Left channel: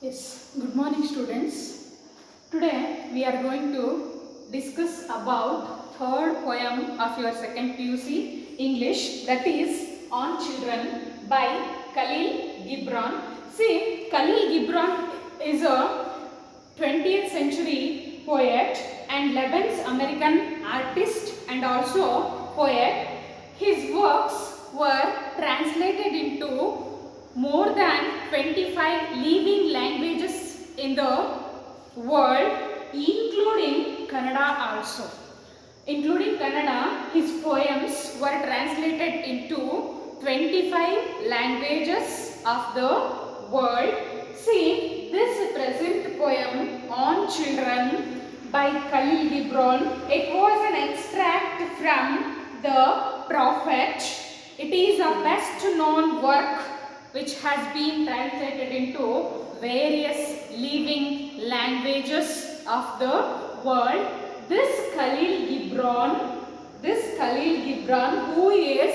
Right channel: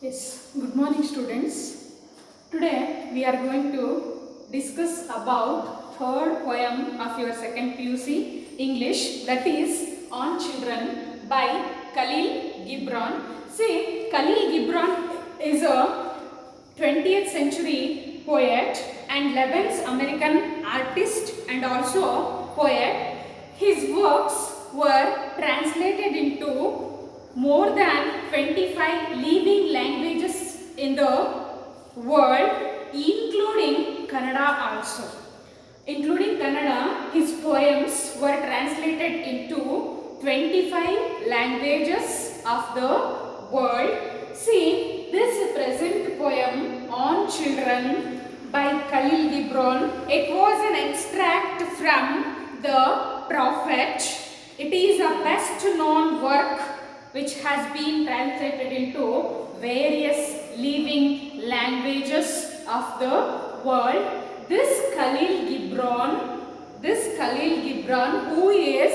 Yes, good morning students. Today we are going to discuss about third poem of your second PUC English, that is On Children by Khalil Gibran. See, Khalil Gibran is a 20th century poet and Lebanese American artist and also poet. His works were translated into more than 25 living languages in the world, including Kannada also. Including Kannada, his poems were translated into 25 languages of the world. See, this present poem On Children by Khalil Gibran, it was an extract from the Prophet. It is a best known work which has been translated into various living languages of the world. This Khalil Gibran, who is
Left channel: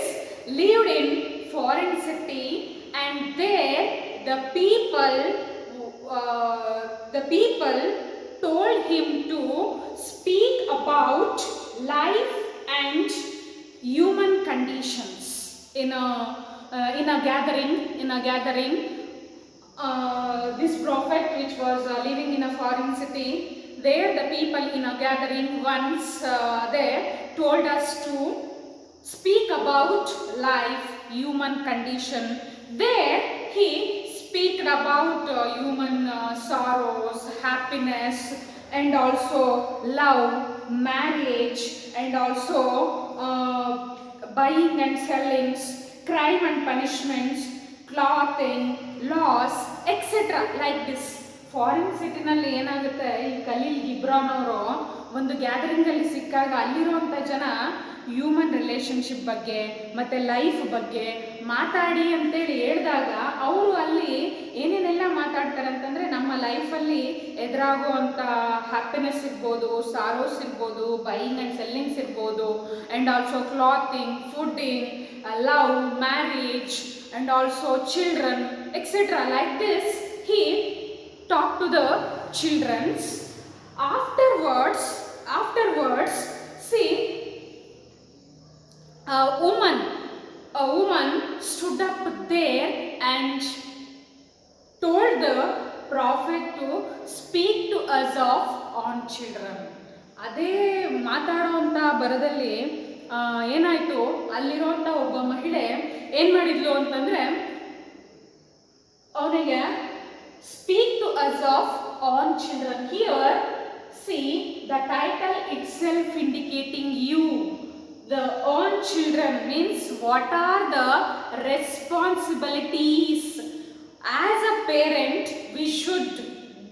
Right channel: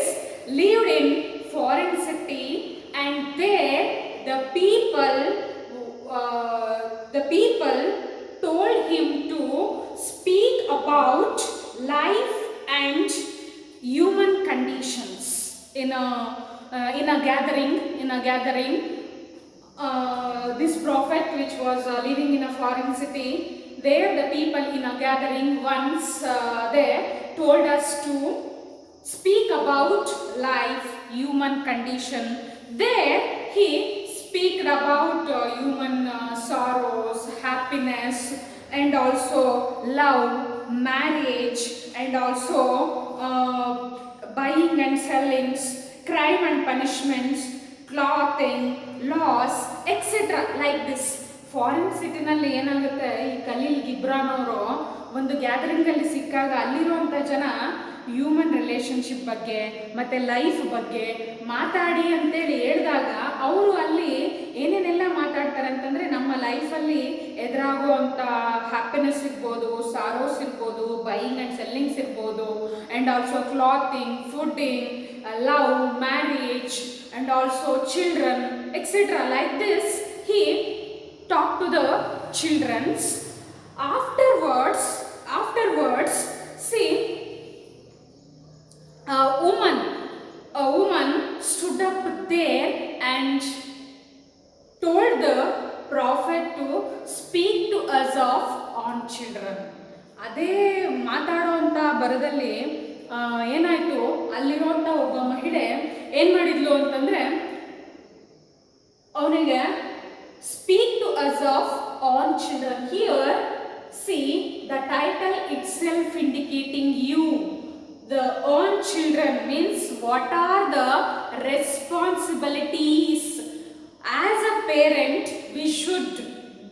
lived in foreign city, and there the people told him to speak about life and human conditions in a gathering. This prophet, which was living in a foreign city, there the people in a gathering once there told us to speak about life, human condition. There he speak about human sorrows, happiness, and also love, marriage, and also buying and selling, crime and punishments, clothing, laws, etc. like this. Foreign ಸಿಟಿನಲ್ಲಿ ಏನಾಗುತ್ತೆ, ಈ Khaleel Gibran ಅವರು ಒಂದು ಗ್ಯಾದರಿಂಗಲ್ಲಿ ಸಿಕ್ಕಾಗ ಅಲ್ಲಿರುವಂಥ ಜನ human relationship ಬಗ್ಗೆ ಮತ್ತು ಲೈಫ್ ಬಗ್ಗೆ ಮಾತಾಡಿ ಅಂತೇಳಿ ಹೇಳಿದಾಗ ಅವರು ಅಲ್ಲಿ ಏನೇನೆಲ್ಲ ಮಾತಾಡ್ತಾರೆ ಅಂತಂದರೆ, ನಮ್ಮ ಲೈಫಲ್ಲಿ ಎದುರಾಗುವಂಥ ಹ್ಯಾಪಿನೆಸ್ ಇರ್ಬೋದು, ಸಾರೋಸ್ ಇರ್ಬೋದು, ಬೈಯಿಂಗ್ ಆ್ಯಂಡ್ ಸೆಲ್ಲಿಂಗ್ಸ್ ಇರ್ಬೋದು, and also clothing, pudding, love, marriage, and also children, etcetera. Like this he talk to the childrens. Afterwards, see, a woman stood up there and told the prophet to speak to us of on children. ಅದೇ ಮಾತಾಡೋವಂಥ ಬರದಲ್ಲಿ ಏನಾಯಿತು, ಅಲ್ಲಿರುವಂಥ ಒಬ್ಬ ಮಹಿಳೆ ಏನು ಮಾಡಿದ್ಲು ಅಂತಂದರೆ, ಅವನಿಗೆ speak to us of on children. Here, see, the title itself indicating you. The on children means what are the responsibilities as a parent we should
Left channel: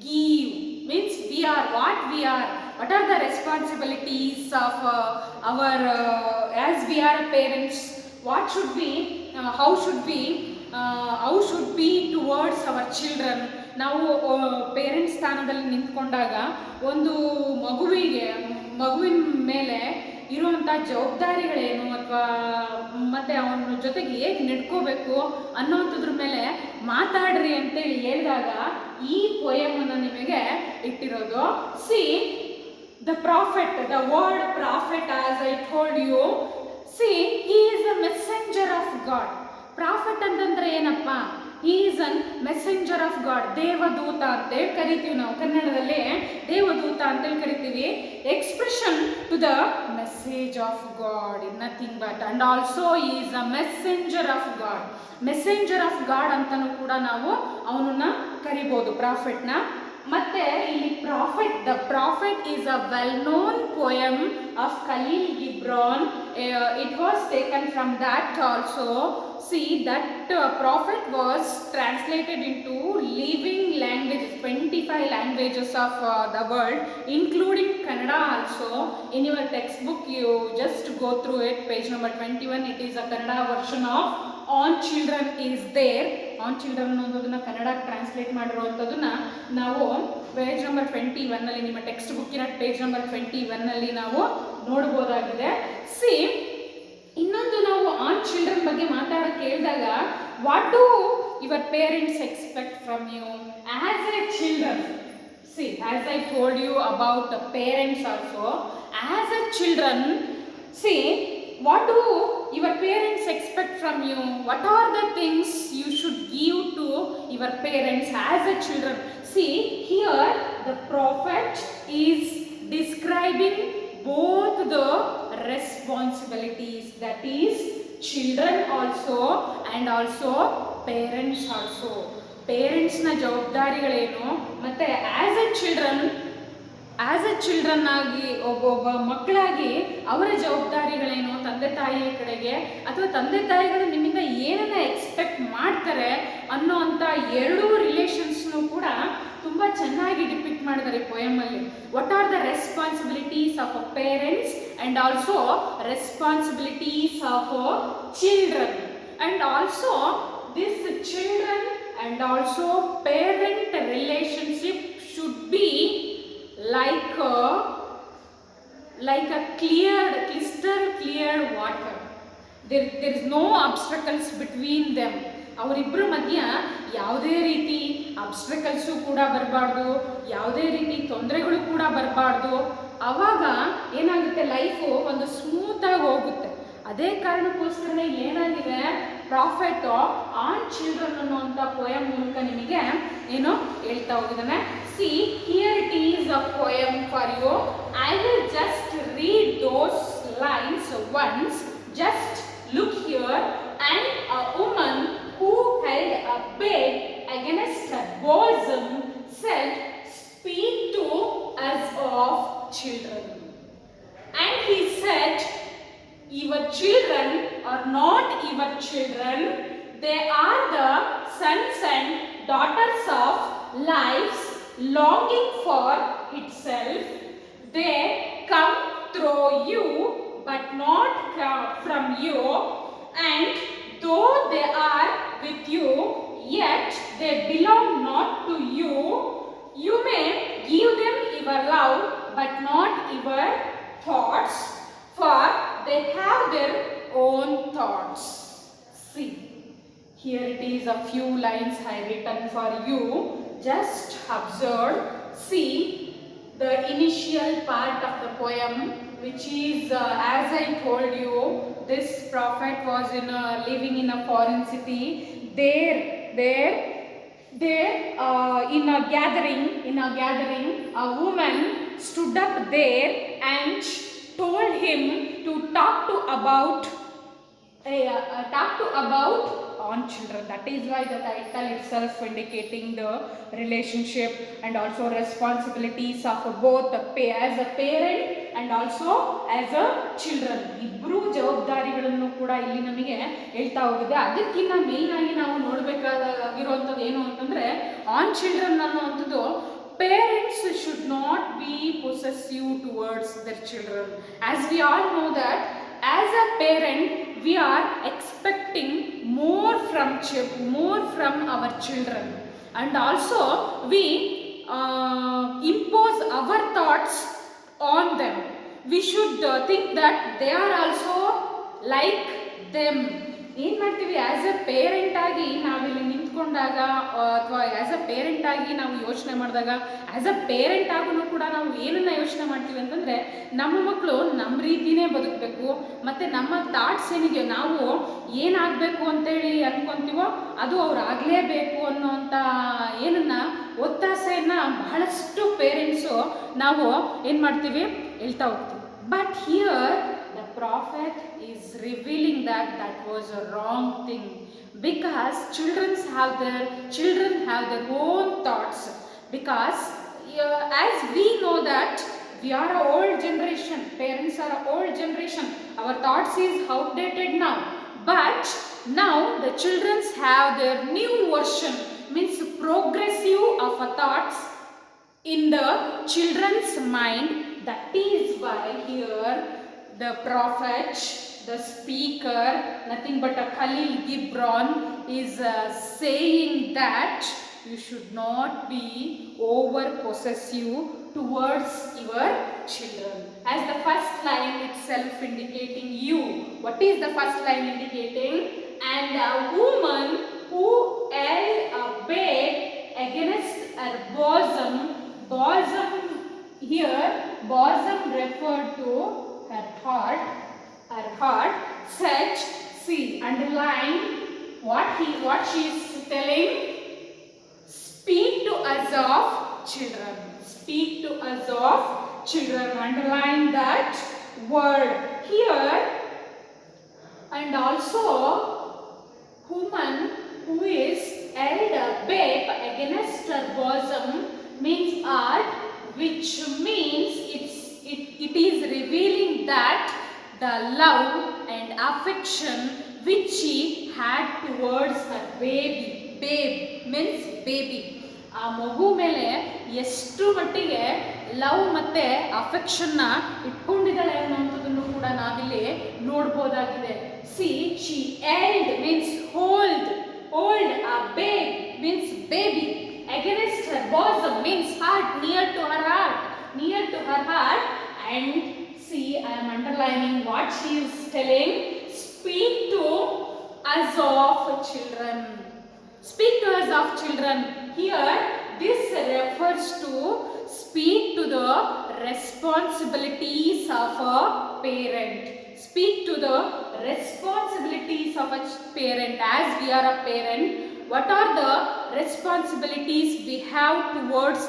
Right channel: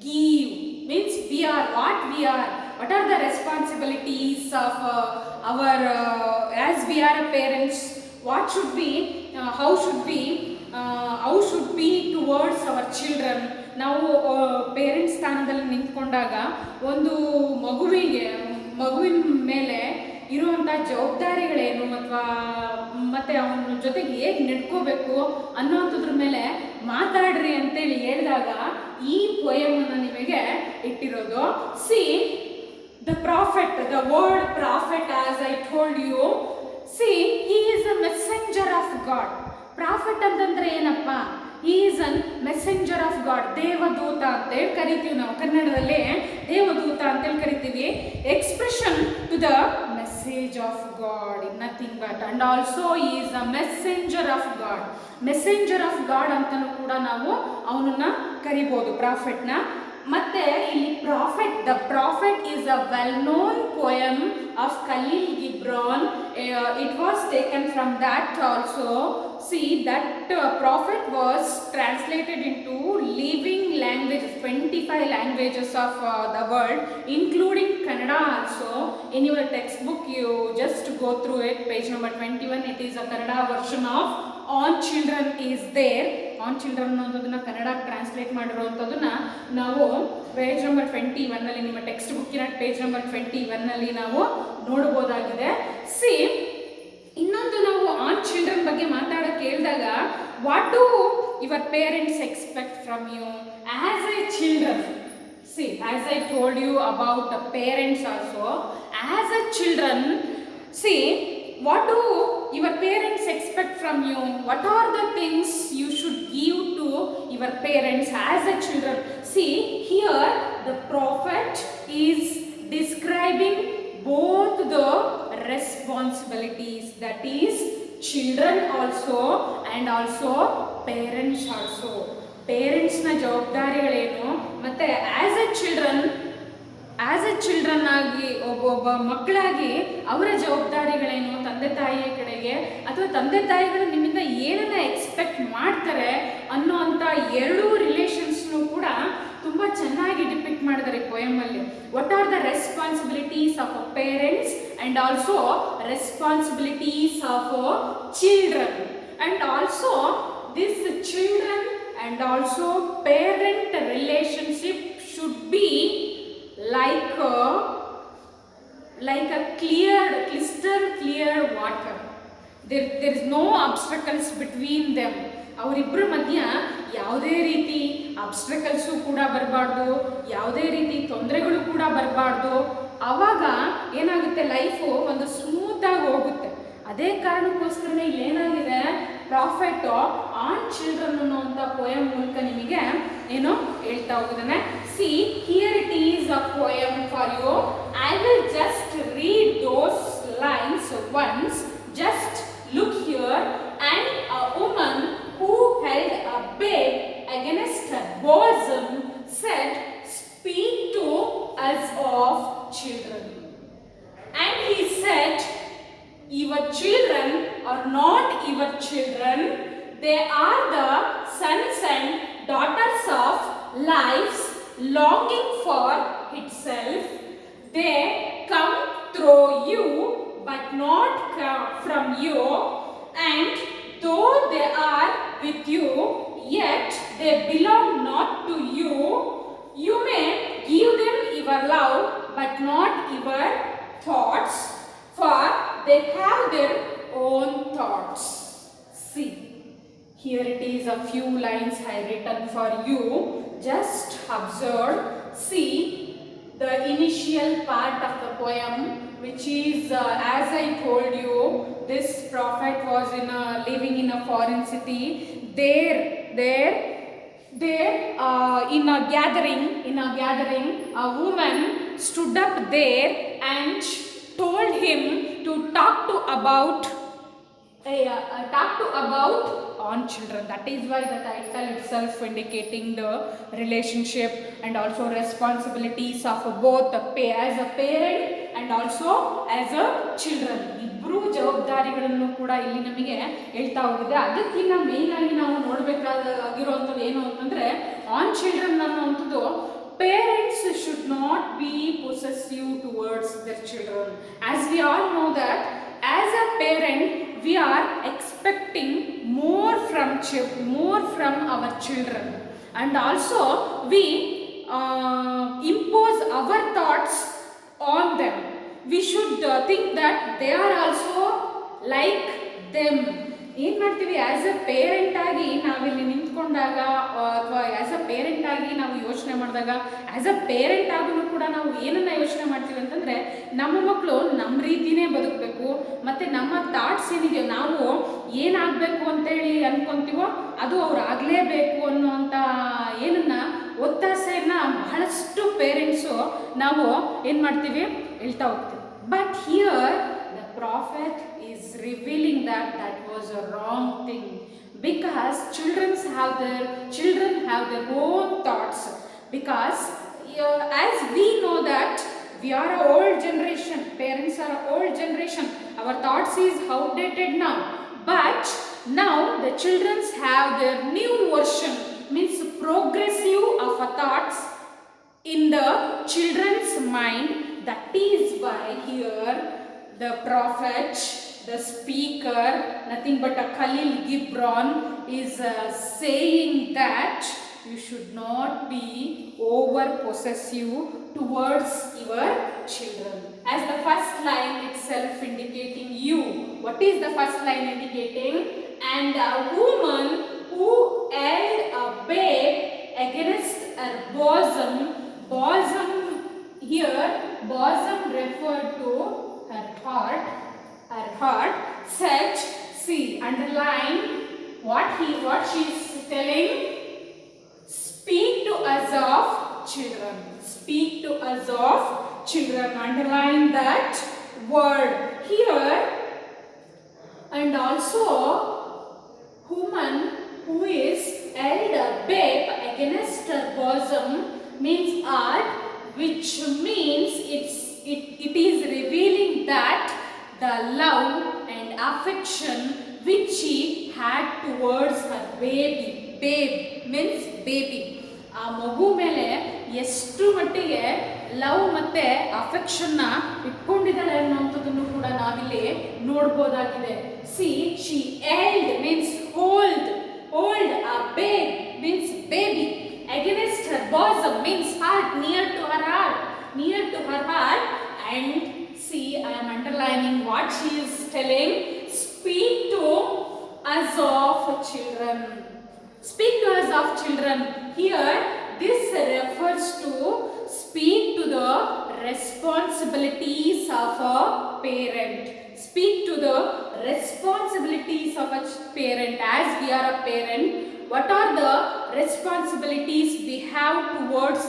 give. Means we are what we are. What are the responsibilities of our as we are parents? What should we? How should we towards our children? ನಾವು parents ಸ್ಥಾನದಲ್ಲಿ ನಿಂತ್ಕೊಂಡಾಗ ಒಂದು ಮಗುವಿನ ಮೇಲೆ ಇರುವಂಥ ಜವಾಬ್ದಾರಿಗಳೇನು, ಅಥವಾ ಮತ್ತು ಅವನ ಜೊತೆಗೆ ಹೇಗೆ ನಡ್ಕೋಬೇಕು ಅನ್ನೋಂಥದ್ರ ಮೇಲೆ ಮಾತಾಡ್ರಿ ಅಂತೇಳಿ ಹೇಳಿದಾಗ ಈ ಪೊಯಮನ್ನು ನಿಮಗೆ ಇಟ್ಟಿರೋದು. See, the prophet, the word prophet, as I told you, see, he is a messenger of God. Prophet ಅಂತಂದರೆ ಏನಪ್ಪ? He is an messenger of God. ದೇವದೂತ ಅಂತೇಳಿ ಕರಿತೀವಿ ನಾವು ಕನ್ನಡದಲ್ಲಿ, ದೇವದೂತ ಅಂತೇಳಿ ಕರಿತೀವಿ. Expression to the message of God, nothing but. And also he is a messenger of God. Messenger of God ಅಂತಲೂ ಕೂಡ ನಾವು ಅವನನ್ನ ಕರಿಬೋದು, ಪ್ರಾಫೆಟ್ನ. ಮತ್ತೆ ಇಲ್ಲಿ prophet, the prophet is a well known poem of Khalil Gibran. It was taken from that also. See, that prophet was translated into living languages, 25 languages of the world, including Kannada also. In your textbook, you just go through it, page number 21. It is a Kannada version of On Children is there. On Children ಅನ್ನೋದನ್ನ ಕನ್ನಡಕ್ಕೆ translate ಮಾಡಿರೋವಂಥದ್ದನ್ನ ನಾವು page number 21ನಲ್ಲಿ, ನಿಮ್ಮ text ಬುಕ್ಕಿನ page number 21ನಲ್ಲಿ ನಾವು ನೋಡ್ಬೋದಾಗಿದೆ. C, ಇನ್ನೊಂದು ನಾವು on children ಬಗ್ಗೆ ಮಾತಾಡೋಕ್ಕೆ ಹೇಳಿದಾಗ, what do your parents expect from you as a children? See, as I told you about the parents also, as a children, see, what do your parents expect from you? What are the things you should give to your parents as a children? See, here the prophet is describing both the responsibilities, that is children also and also parents also. ಪೇರೆಂಟ್ಸ್ನ ಜವಾಬ್ದಾರಿಗಳೇನು ಮತ್ತು as A children ಆಗಿ ಒಬ್ಬೊಬ್ಬ ಮಕ್ಕಳಾಗಿ ಅವರ ಜವಾಬ್ದಾರಿಗಳೇನು ತಂದೆ ತಾಯಿಯ ಕಡೆಗೆ, ಅಥವಾ ತಂದೆ ತಾಯಿಗಳು ನಿಮ್ಮಿಂದ ಏನನ್ನ ಎಕ್ಸ್ಪೆಕ್ಟ್ ಮಾಡ್ತಾರೆ ಅನ್ನೋ ಅಂಥ ಎರಡೂ ರಿಲೇಷನ್ಸ್ನು ಕೂಡ ತುಂಬ ಚೆನ್ನಾಗಿ ಡಿಪಿಕ್ಟ್ ಮಾಡಿದ್ದಾರೆ ಪೊಯಮಲ್ಲಿ. What are the responsibilities of a parents and also responsibilities of children, and also this children and also parent relationship should be like a crystal clear water. There is no obstacles between them. ಅವರಿಬ್ಬರ ಮಧ್ಯ ಯಾವುದೇ ರೀತಿ ಅಬ್ಸ್ಟ್ರಕಲ್ಸು ಕೂಡ ಬರಬಾರ್ದು, ಯಾವುದೇ ರೀತಿ ತೊಂದರೆಗಳು ಕೂಡ ಬರಬಾರ್ದು. ಆವಾಗ ಏನಾಗುತ್ತೆ, ಲೈಫು ಒಂದು ಸ್ಮೂತಾಗಿ ಹೋಗುತ್ತೆ. ಅದೇ ಕಾರಣಕ್ಕೋಸ್ಕರನೇ ಏನಾಗಿದೆ, ಪ್ರಾಫಿಟ್ ಆನ್ ಚಿಲ್ಡ್ರನ್ ಅನ್ನುವಂಥ ಪೊಯಮ್ ಮೂಲಕ ನಿಮಗೆ ಏನು ಹೇಳ್ತಾ ಹೋಗಿದ್ದಾನೆ. See, here it is a poem for you. I will just read those lines once. Just look here. And a woman who held a babe against her bosom said, "Speak to us of children." And he said, "Your children are not your children. They are the sons and daughters of life's longing for itself. They come through you, but not come from you. And though they are with you, yet they belong not to you. You may give them your love, but not your thoughts, for they have their own thoughts." See, here it is a few lines I written for you. Just observe. See the initial part of the poem, which is as I told you, this prophet was living in a foreign city. There in a gathering, a woman stood up there and told him to talk to about on children. That is why the title itself indicating the relationship and also responsibilities of both as a parent and also as a children. ಇಬ್ಬರು ಜವಾಬ್ದಾರಿಗಳನ್ನು ಕೂಡ ಇಲ್ಲಿ ನಮಗೆ ಹೇಳ್ತಾ ಹೋಗಿದೆ. ಅದಕ್ಕಿಂತ main ಆಗಿ ನಾವು ನೋಡಬೇಕಾಗಿರುವಂಥದ್ದು ಏನು ಅಂತಂದರೆ, ಆನ್ ಚಿಲ್ಡ್ರನ್ ಅನ್ನುವಂಥದ್ದು, parents should not be possessive towards their children. As we all know that as a parent we are expecting more from our children, and also we impose our thoughts on them. We should think that they are also like them. ಏನು ಮಾಡ್ತೀವಿ, as a parent ಆಗಿ ನಾವಿಲ್ಲಿ ನಿಂತ್ಕೊಂಡಾಗ ಅಥವಾ as a parent ಆಗಿ ನಾವು ಯೋಚನೆ ಮಾಡಿದಾಗ, as a parent ಆಗೂ ಕೂಡ ನಾವು ಏನನ್ನು ಯೋಚನೆ ಮಾಡ್ತೀವಿ ಅಂತಂದರೆ, ನಮ್ಮ ಮಕ್ಕಳು ನಮ್ಮ ರೀತಿಯೇ ಬದುಕಬೇಕು, ಮತ್ತು ನಮ್ಮ ಥಾಟ್ಸ್ ಏನಿದೆಯೋ, ನಾವು ಏನಾಗಬೇಕು ಅಂತೇಳಿ ಅಂದ್ಕೊತೀವೋ ಅದು ಅವ್ರು ಆಗಲೇಬೇಕು ಅನ್ನೋಂಥ ಏನನ್ನು ಒತ್ತಾಸೆಯನ್ನು ಬಹಳಷ್ಟು ಪೇರೆಂಟ್ಸು ನಾವು ಏನು ಮಾಡ್ತೀವಿ, ಹೇಳ್ತಾ ಹೋಗ್ತೀವಿ. But here the prophet is revealing that was a wrong thing, because children have their own thoughts. Because as we know that we are an old generation, parents are an old generation, our thoughts is outdated now, but now the children have their new version, means progressive of a thoughts in the children's mind. That is why here the prophet, the speaker, nothing but a Khalil Gibran, is saying that you should not be over possessive towards your children. As the first line itself indicating you. What is the first line indicating? And a woman who held a babe against her bosom. Bosom here, bosom referred to her heart. Her heart. Such, see, underline what she is telling. Speak to us of children. Speak to us of children. Underline that word here. And also, woman who is held a babe against her bosom means art, which means it is revealing that the love and affection which she had towards her baby. Babe means baby. ಆ ಮಗು ಮೇಲೆ ಎಷ್ಟು ಮಟ್ಟಿಗೆ love ಮತ್ತೆ ಅಫೆಕ್ಷನ್ನ ಇಟ್ಕೊಂಡಿದ್ದಾಳೆ ಅನ್ನೋಂಥದ್ದನ್ನು ಕೂಡ ನಾವಿಲ್ಲಿ ನೋಡ್ಬೋದಾಗಿದೆ. C she held means hold a babe means baby against her bosom means heart, near to her heart. And see, I am underlining what she is telling. Speak to us of children. Speak to us of children. Here, this refers to speak to the responsibilities of a parent. Speak to the responsibilities of a parent. As we are a parent, what are the responsibilities we have towards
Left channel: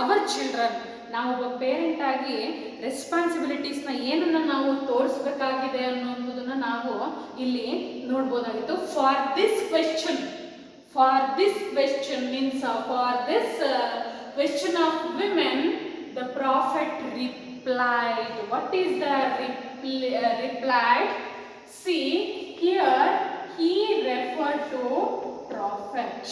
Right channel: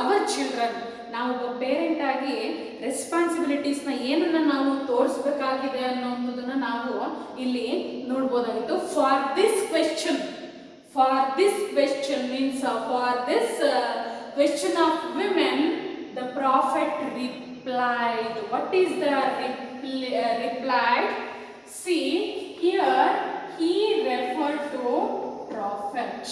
our children? ನಾವು ಒಬ್ಬ parent ಆಗಿ ರೆಸ್ಪಾನ್ಸಿಬಿಲಿಟೀಸ್ನ ಏನನ್ನ ನಾವು ತೋರಿಸ್ಬೇಕಾಗಿದೆ ಅನ್ನೋದನ್ನ ನಾವು ಇಲ್ಲಿ ನೋಡ್ಬೋದಾಗಿತ್ತು. For this question means for this question of women, the prophet replied. What is the replied? See, here he referred to prophet.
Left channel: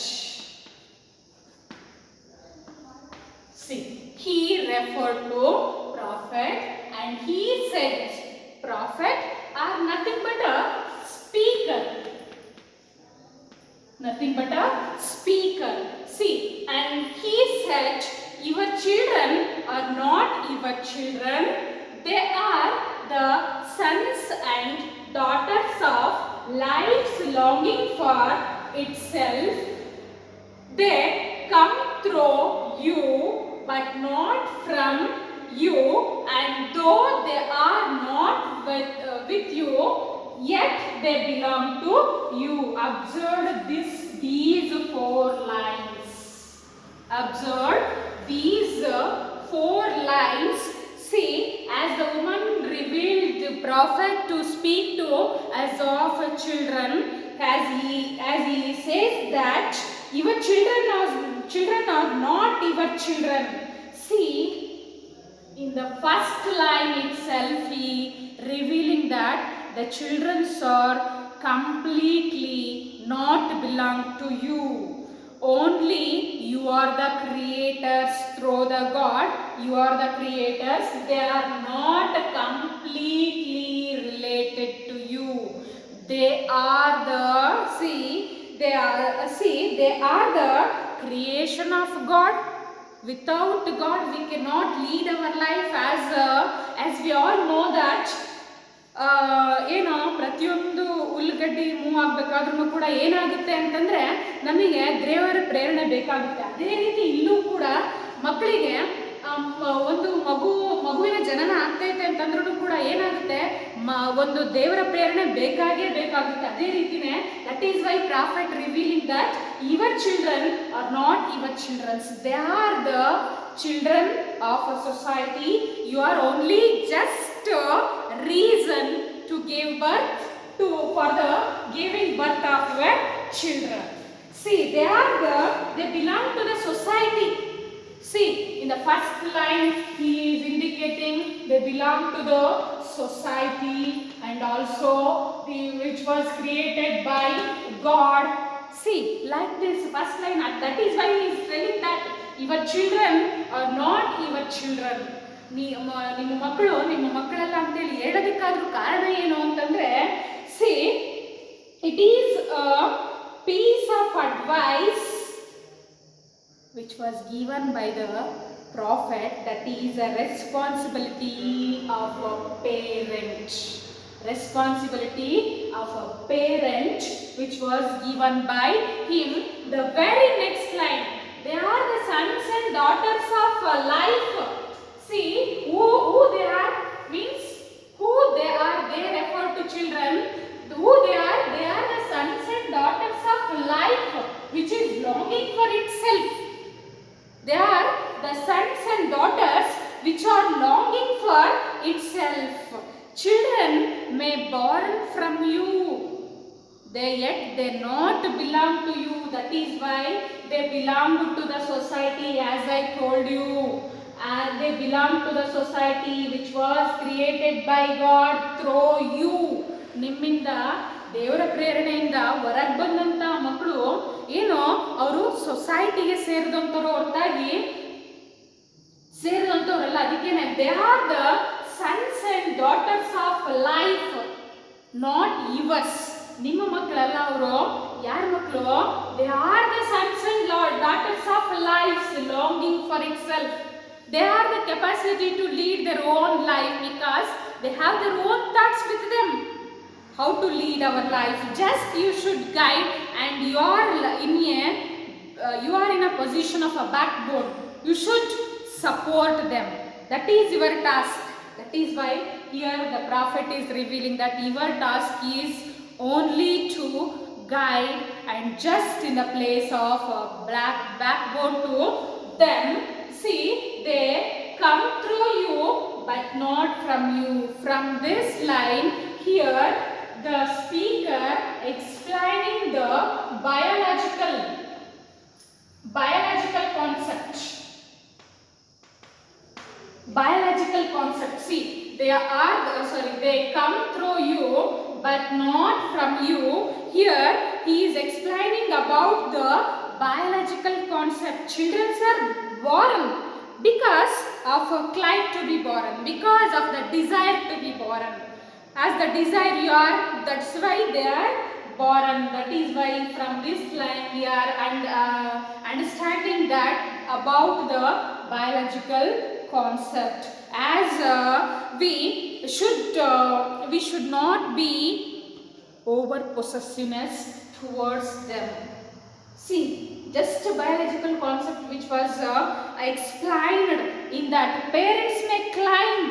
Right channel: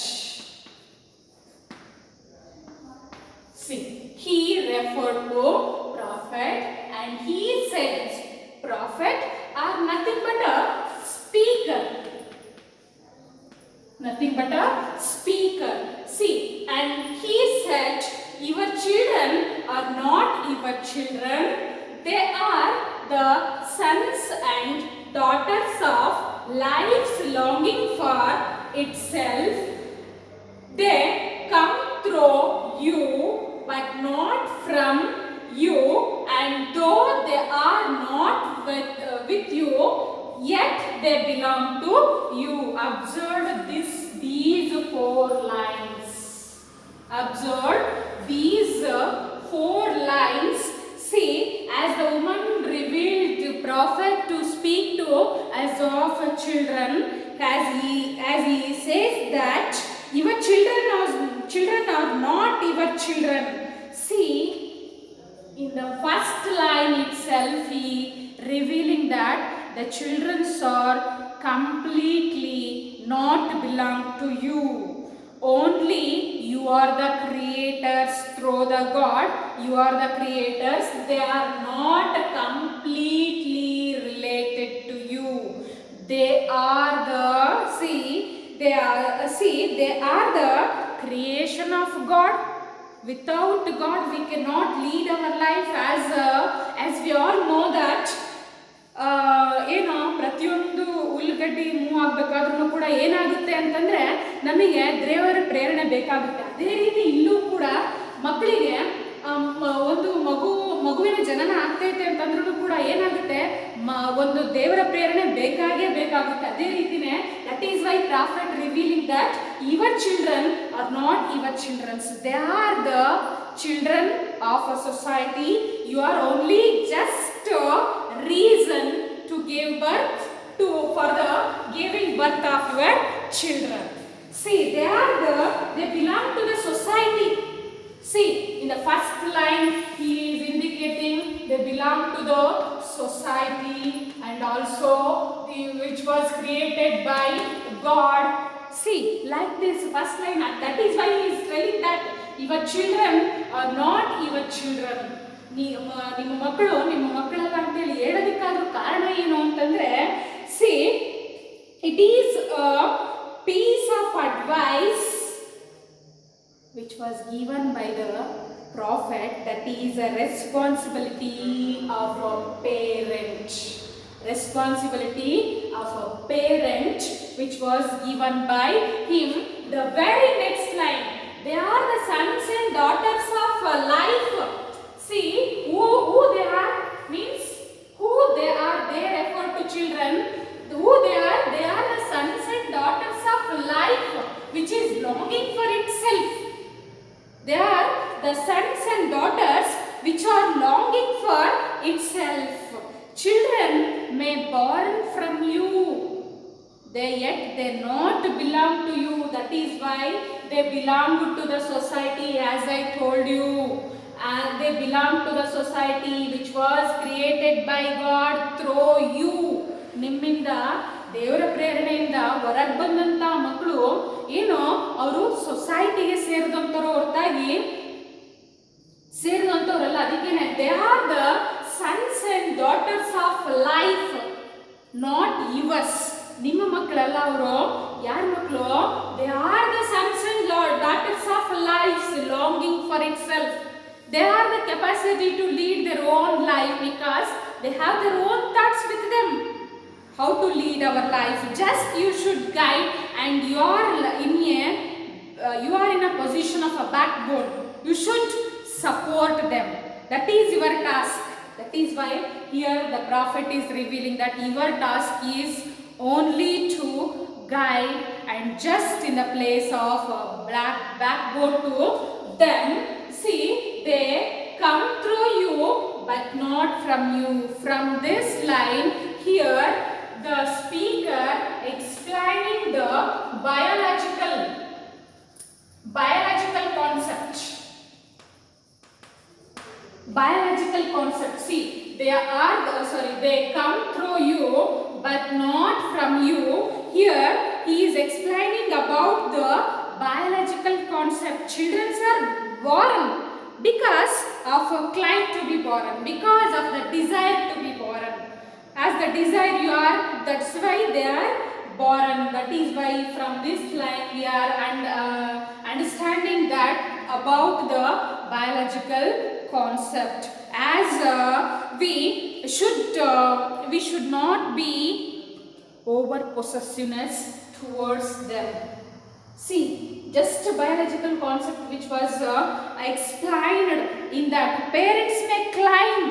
See, he referred to prophet and he said prophet are nothing but a speaker. Nothing but a speaker. See, and he said your children are not your children. They are the sons and daughters of life's longing for itself. They come through you but not from you, and though they are not with you, yet they belong to you. Observe these 4 lines. Observe these 4 lines. See, as the woman revealed the prophet to speak to as of children, as he says that your children are not your children. See, in the first line itself, he revealing that the children are completely not belong to you. Only you are the creators through the God. You are the creators. They are not completely related to you. They are the creation of God. Without God, we cannot lead our life as we all know that. ಏನೋ ಪ್ರತಿಯೊಂದು ಹುಲ್ಲುಗಡ್ಡಿ move ಆಗಬೇಕಾದ್ರೂ ಕೂಡ ಏನಾಗುತ್ತೆ ಅಂತಂದರೆ ನಮಗೆ ದೇವರ ಪ್ರೇರಣೆ ಬೇಕಾಗುತ್ತೆ. ಅದೇ ರೀತಿ ಇಲ್ಲೂ ಕೂಡ ಮಕ್ಕಳಿಗೆ ಒಂದು ಮಗುವಿನ ಜನನ ಆಗ್ತೈತೆ ಅಂತಂದ್ರೂ ಕೂಡ ಏನಾಗುತ್ತೆ, ಒಂದು ದೇವರ ಪ್ರೇರಣೆ ಬೇಕಾಗುತ್ತೆ. ಅದೇ ರೀತಿನೇ that is why prophet revealing that your children are not your children's. They are the children of a society. You are only just a reason to give birth for the giving birth of your children. See, they belong to the society. See, in the first line he is indicating they belong to the society and also which was created by God. See, like this first line, that is why he is telling that your children are not your children. ನಿಮ್ಮ ಮಕ್ಕಳಲ್ಲ ಅಂತೇಳಿ ಹೇಳೋದಕ್ಕಾದ್ರೂ ಕಾರಣ ಏನು ಅಂತಂದ್ರೆ, see it is a piece of advice which was given by the prophet, that is a responsibility of a parent. responsibility of a parent which was given by him. The very next line, they are the sons and daughters of life. See, who they are means who they are, they refer to children. Who they are the sons and daughters of life which is longing for itself. They are the sons and daughters which are longing for itself. Children may born from you, they not belong to you. That is why they belong to the society, as I told you. And they belong to the society which was created by God through you. ನಿಮ್ಮಿಂದ ದೇವರ ಪ್ರೇರಣೆಯಿಂದ ಹೊರಗೆ ಬಂದಂಥ ಮಕ್ಕಳು ಏನು ಅವರು ಸೊಸೈಟಿಗೆ ಸೇರಿದಂಥವ್ರು ಹೊರತಾಗಿ ಸೇರಿದಂಥವ್ರಲ್ಲ. ಅದಕ್ಕೇನೆ they are the sons and daughters of life, not yours. ನಿಮ್ಮ ಮಕ್ಕಳಲ್ಲ ಅವರು. ಯಾರ ಮಕ್ಕಳು? They are the sons and daughters of life longing for it self. They have the capacity to lead their own life because they have their own thoughts with them. How to lead our life? Just you should guide, and you are in a position of a backbone. You should support them. That is your task. That is why here the prophet is revealing that your task is only to guide and just in the place of a backbone to them. See, they come through you but not from you. From this line here, the speaker explaining the biological concept. Biological concept. See, they come through you but not from you. Here he is explaining about the biological concept. Children are born because of a claim to be born, because of the desire to be born. As the desire you are, that's why they are born. That is why from this line we are understanding that about the biological concept. As we should not be over possessiveness towards them. See, just a biological concept which was explained in that parents may climb,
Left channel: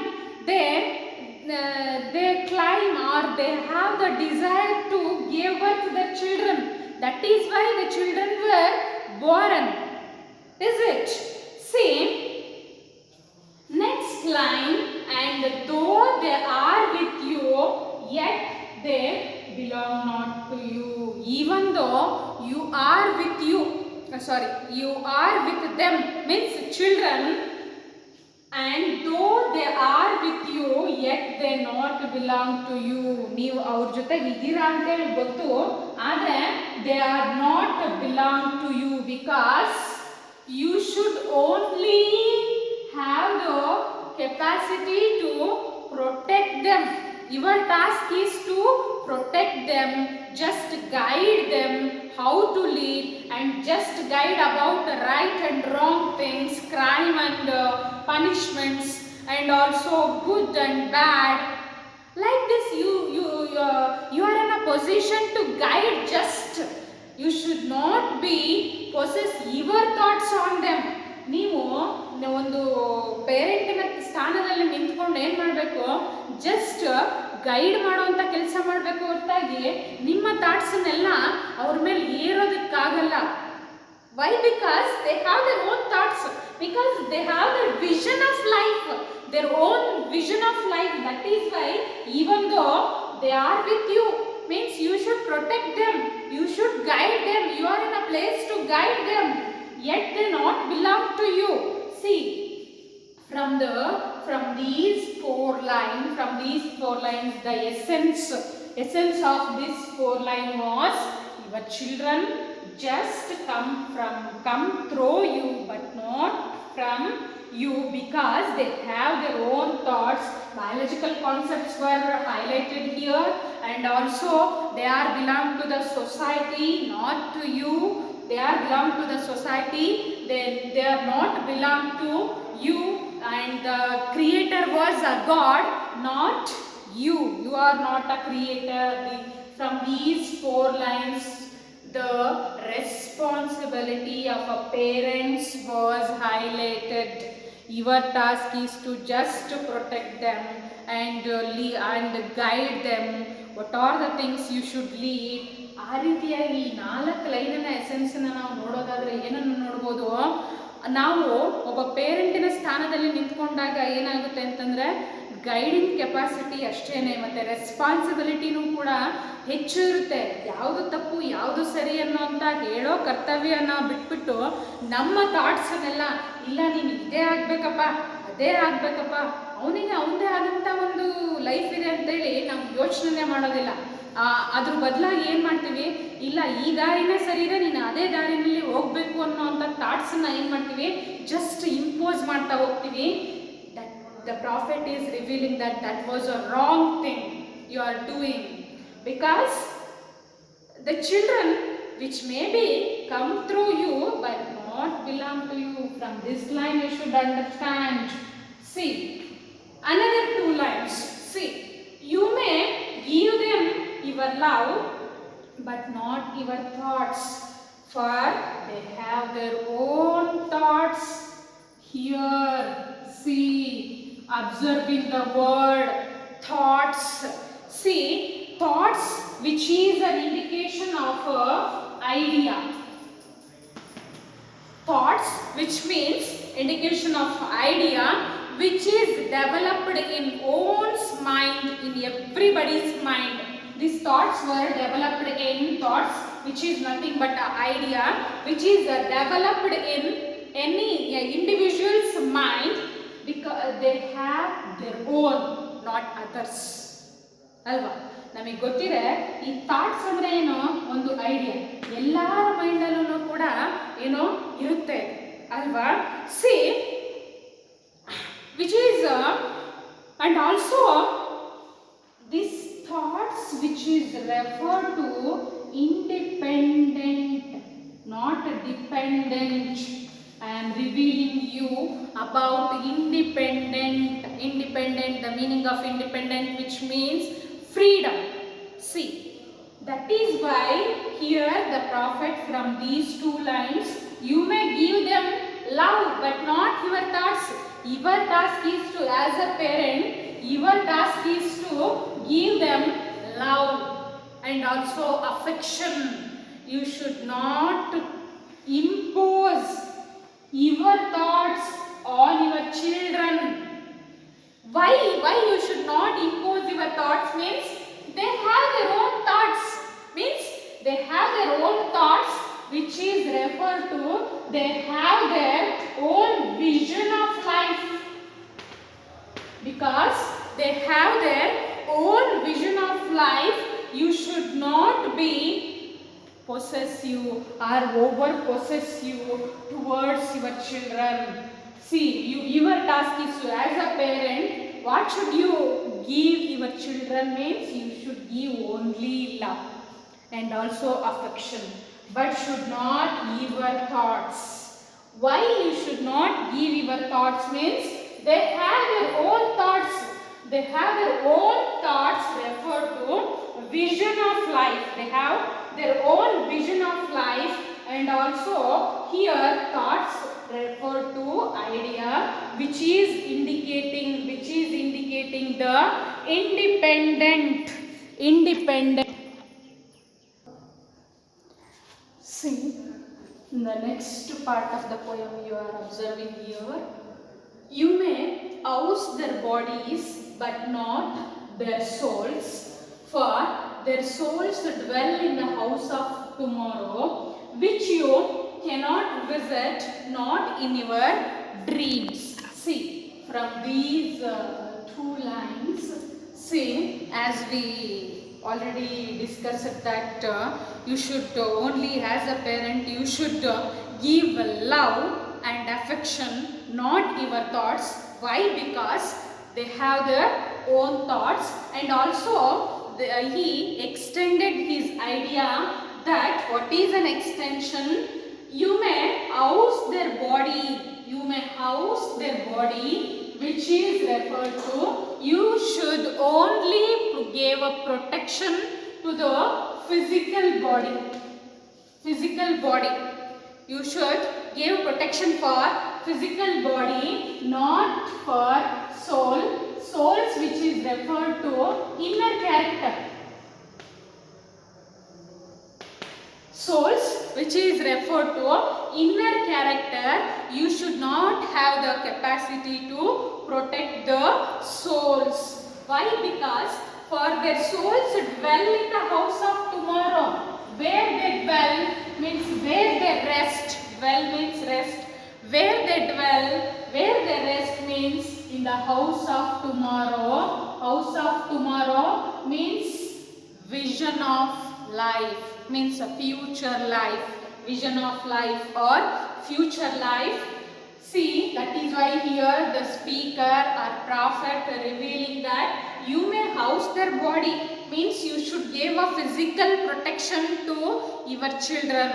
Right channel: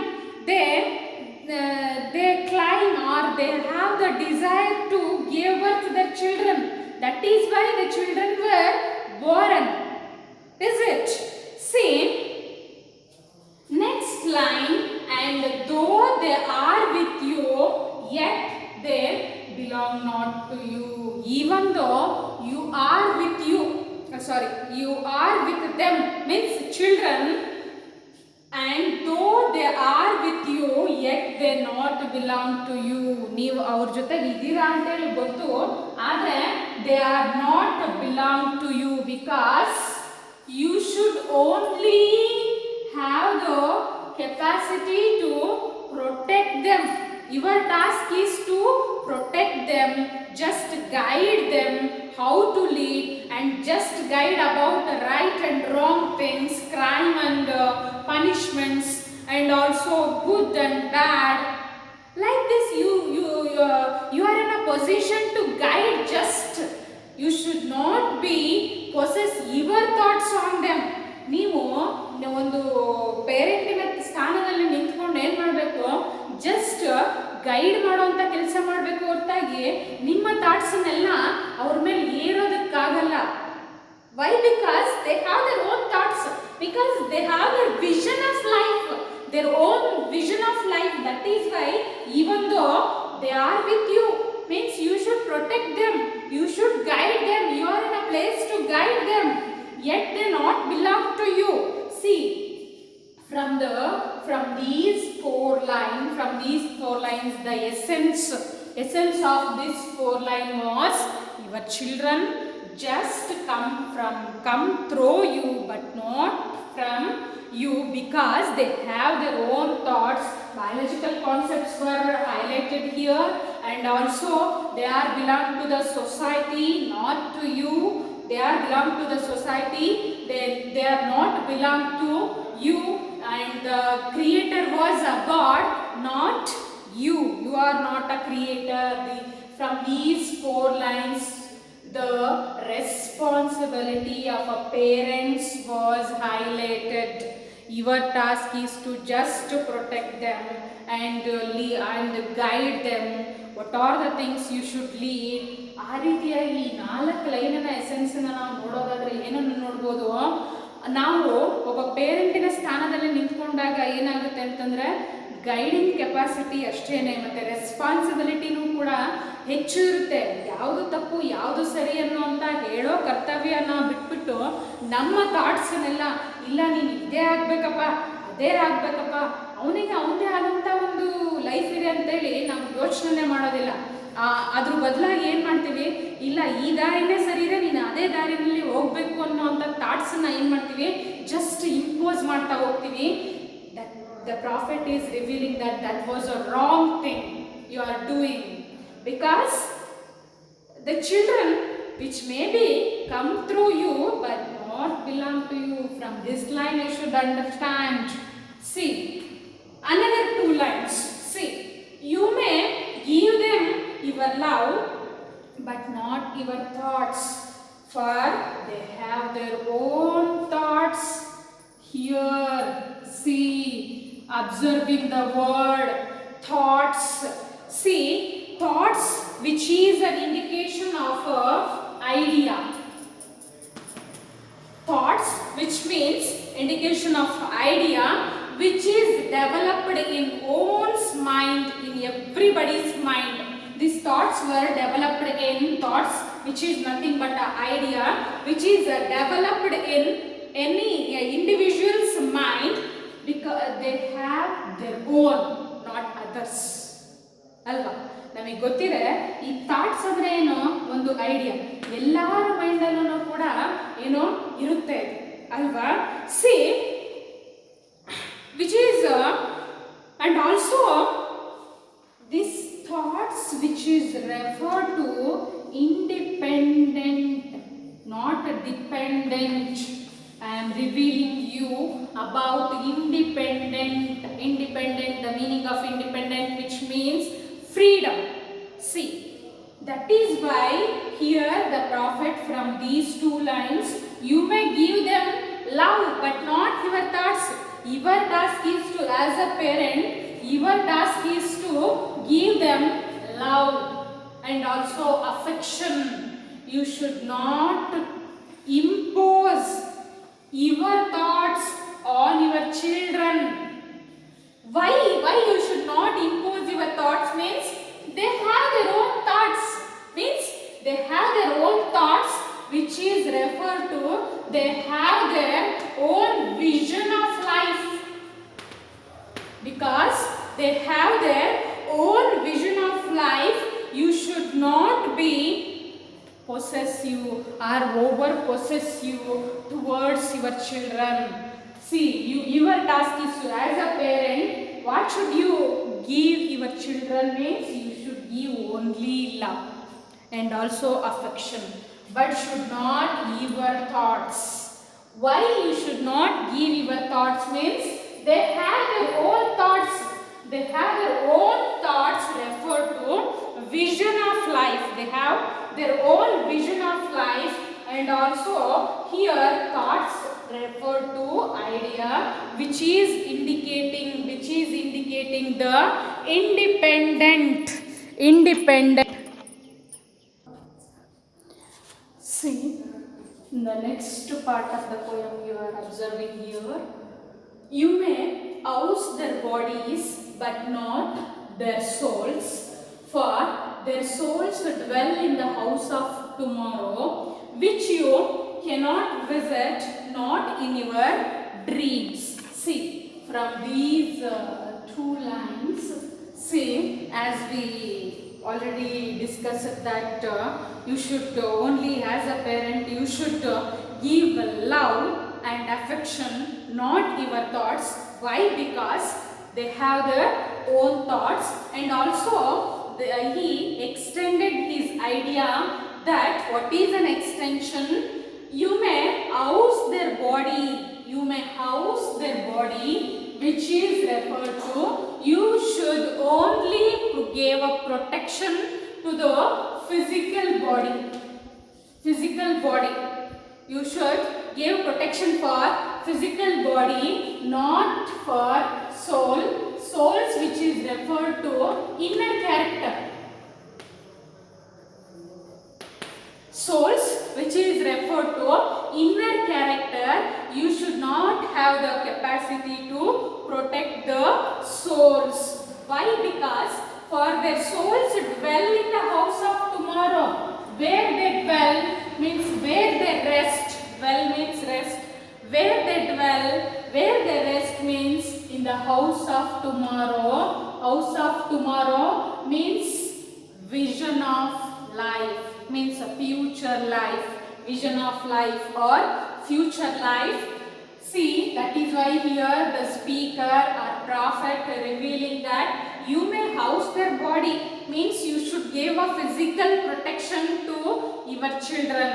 they climb or they have the desire to give birth to their children. That is why the children were born. Is it? See, next line, and though they are with you, yet they belong not to you. Even though you are with them, means children, and though they are with you, yet they not belong to you. ನೀವು ಅವ್ರ ಜೊತೆಗೆ ಇದ್ದೀರಾ ಅಂತೇಳಿ ಗೊತ್ತು, ಆದರೆ they are not belong to you because you should only have the capacity to protect them. Your task is to protect them, just guide them how to lead, and just guide about the right and wrong things, crime and punishments, and also good and bad. Like this, you are in a position to guide. Just you should not be possess your thoughts on them. ನೀವು ಒಂದು ಪೇರೆಂಟಿನ ಸ್ಥಾನದಲ್ಲಿ ನಿಂತ್ಕೊಂಡು ಏನು ಮಾಡಬೇಕು? Just guide ಮಾಡುವಂಥ ಕೆಲಸ ಮಾಡಬೇಕು ಹೊರತಾಗಿ ನಿಮ್ಮ ಥಾಟ್ಸನ್ನೆಲ್ಲ ಅವ್ರ ಮೇಲೆ ಏರೋದಕ್ಕಾಗಲ್ಲ. Why? Because they have their own thoughts, because they have their vision of life, their own vision of life. That is why even though they are with you, means you should protect them, you should guide them, you are in a place to guide them, yet they not belong to you. See, from these four lines, the essence of this four line was, your children just come through you but not from you, because they have their own thoughts. Biological concepts were highlighted here, and also they are belong to the society, not to you. They are belong to the society, they are not belong to you, and the creator was a God, not You are not a creator. From these 4 lines, the responsibility of a parents was highlighted. Your task is to just to protect them and and guide them. What are the things you should lead? ಆ ರೀತಿಯಾಗಿ ಈ 4 ಲೈನಿನ ಎಸೆನ್ಸನ್ನು ನಾವು ನೋಡೋದಾದ್ರೆ ಏನನ್ನು ನೋಡ್ಬೋದು, ನಾವು ಒಬ್ಬ ಪೇರೆಂಟಿನ ಸ್ಥಾನದಲ್ಲಿ ನಿಂತ್ಕೊಂಡಾಗ ಏನಾಗುತ್ತೆ ಅಂತಂದರೆ ಗೈಡಿಂಗ್ ಕೆಪಾಸಿಟಿ ಅಷ್ಟೇನೆ, ಮತ್ತು ರೆಸ್ಪಾನ್ಸಿಬಿಲಿಟಿನೂ ಕೂಡ ಹೆಚ್ಚು ಇರುತ್ತೆ. ಯಾವುದು ತಪ್ಪು ಯಾವುದು ಸರಿ ಅನ್ನೋ ಅಂತ ಹೇಳೋ ಕರ್ತವ್ಯನ ಬಿಟ್ಬಿಟ್ಟು ನಮ್ಮ ಥಾಟ್ಸನ್ನೆಲ್ಲ ಇಲ್ಲ ನೀನು ಇದೇ ಆಗಬೇಕಪ್ಪ ಅದೇ ಆಗಬೇಕಪ್ಪ, ಅವನಿಗೆ ಅವನದೇ ಆದಂಥ ಒಂದು ಲೈಫ್ ಇದೆ ಅಂತೇಳಿ ನಾವು ಯೋಚನೆ ಮಾಡೋದಿಲ್ಲ. ಅದ್ರ ಬದಲಾಗಿ ಏನು ಮಾಡ್ತೀವಿ, ಇಲ್ಲ ಈ ದಾರಿನೇ ಸರಿ ಇದೆ ನೀನು ಅದೇ ದಾರಿನಲ್ಲಿ ಹೋಗಬೇಕು ಅನ್ನೋ ಅಂಥ ಥಾಟ್ಸನ್ನು ಏನು ಮಾಡ್ತೀವಿ, ಜಸ್ಟ್ ಇಂಪೋಸ್ ಮಾಡ್ತಾ ಹೋಗ್ತೀವಿ. The prophet is revealing that that was a wrong thing you are doing, because the children which maybe come through you but not belong to you. From this line you should understand. See, another 2 lines. See, you may give them your love but not your thoughts, for they have their own thoughts. Here, see, observing the word thoughts. See, thoughts which is an indication of a idea. Thoughts which means indication of idea which is developed in one's mind, in everybody's mind. These thoughts were developed in thoughts which is nothing but an idea which is developed in any individual's mind, because they have their own, not others. ಅಲ್ವಾ, ನಮಗೆ ಗೊತ್ತಿದೆ ಈ thoughts ಅಂದರೆ ಏನೋ ಒಂದು idea, ಎಲ್ಲರ ಮೈಂಡಲ್ಲೂ ಕೂಡ ಏನೋ ಇರುತ್ತೆ ಅಲ್ವಾ. C which is and also these thoughts which is referred to independent, not dependent. I am revealing you about independent. Independent, the meaning of independent, which means freedom. See, that is why here the prophet, from these 2 lines, you may give them love but not your thoughts. Your task is to, as a parent, your task is to give them love and also affection. You should not impose your thoughts on your children. Why you should not impose your thoughts means they have their own thoughts, means they have their own thoughts which is referred to they have their own vision of life. Because they have their own vision of life, you should not be possessive or over possessive towards your children. See, your task is to, as a parent, what should you give your children means you should give only love and also affection, but should not give your thoughts. Why you should not give your thoughts means they have their own thoughts. They have their own thoughts refer to vision of life. They have their own vision of life, and also here thoughts refer to idea which is indicating the independent. See, the next part of the poem you are observing here. You may house their bodies but not their souls, for their souls dwell in the house of tomorrow, which you cannot visit, not in your dreams. See, from these 2 lines, see, as we already discussed that you should only, as a parent, you should give love and affection, not your thoughts. Why? Because they have their own thoughts, and also he extended his idea that what is an extension? You may house their body which is referred to, you should only give a protection to the physical body. Physical body. You should give protection for physical body, not for soul. Souls, which is referred to inner character. Souls, which is referred to inner character, you should not have the capacity to protect the souls. Why? Because for their souls dwell in the house of tomorrow. Where they dwell means where they rest. Dwell means rest. Where they dwell, where they rest means in the house of tomorrow. House of tomorrow means vision of life. Means a future life, vision of life or future life. See, that is why here the speaker or prophet revealing that you may house their body, means you should give a physical protection to your children,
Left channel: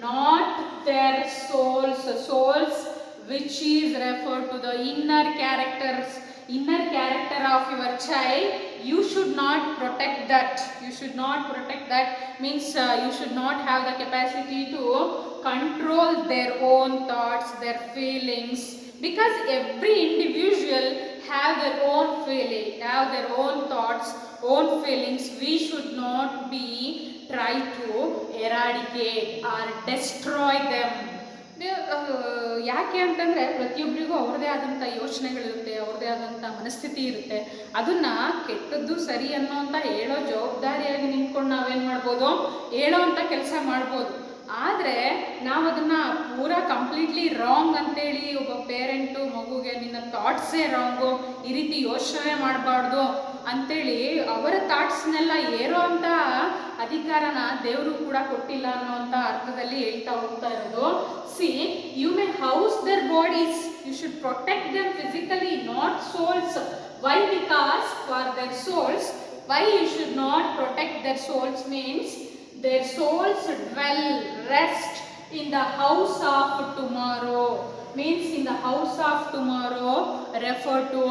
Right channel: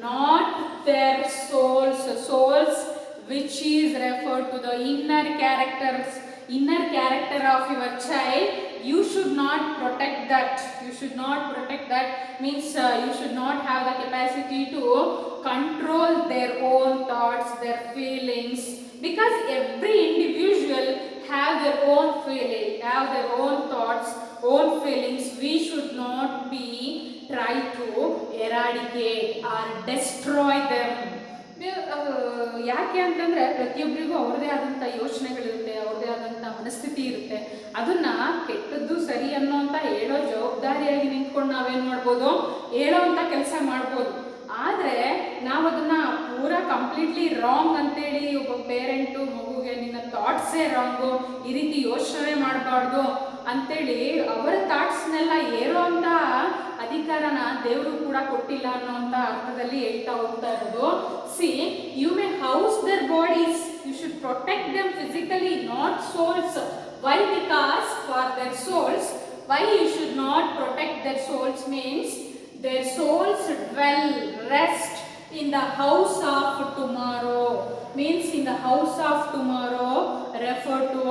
not their souls. Souls, which is referred to the inner characters, inner character of your child. You should not protect that. You should not protect that means you should not have the capacity to control their own thoughts, their feelings, because every individual have their own feeling, have their own thoughts, own feelings. We should not be try to eradicate or destroy them. ಯಾಕೆ ಅಂತಂದರೆ ಪ್ರತಿಯೊಬ್ಬರಿಗೂ ಅವ್ರದ್ದೇ ಆದಂಥ ಯೋಚನೆಗಳಿರುತ್ತೆ, ಅವ್ರದ್ದೇ ಆದಂಥ ಮನಸ್ಥಿತಿ ಇರುತ್ತೆ. ಅದನ್ನು ಕೆಟ್ಟದ್ದು ಸರಿ ಅನ್ನೋಂಥ ಹೇಳೋ ಜವಾಬ್ದಾರಿಯಾಗಿ ನಿಂತ್ಕೊಂಡು ನಾವೇನು ಮಾಡ್ಬೋದು, ಹೇಳೋ ಅಂಥ ಕೆಲಸ ಮಾಡ್ಬೋದು. ಆದರೆ ನಾವು ಅದನ್ನು ಪೂರಾ ಕಂಪ್ಲೀಟ್ಲಿ ರಾಂಗ್ ಅಂತೇಳಿ ಒಬ್ಬ ಪೇರೆಂಟು ಮಗುಗೆ ನಿನ್ನ ಥಾಟ್ಸೇ ರಾಂಗು, ಈ ರೀತಿ ಯೋಚನೆ ಮಾಡಬಾರ್ದು ಅಂತೇಳಿ ಅವರ ಥಾಟ್ಸ್ನೆಲ್ಲ ಏರೋ ಅಂಥ ಅಧಿಕಾರನ ದೇವರು ಕೂಡ ಕೊಟ್ಟಿಲ್ಲ ಅನ್ನೋಂಥ ಅರ್ಥದಲ್ಲಿ ಹೇಳ್ತಾ ಹೋಗ್ತಾ ಇರೋದು. See, you may house their bodies, you should protect them physically, not souls. Why? Because for their souls, why you should not protect their souls means their souls dwell, rest in the house of tomorrow. Means in the house of tomorrow refer to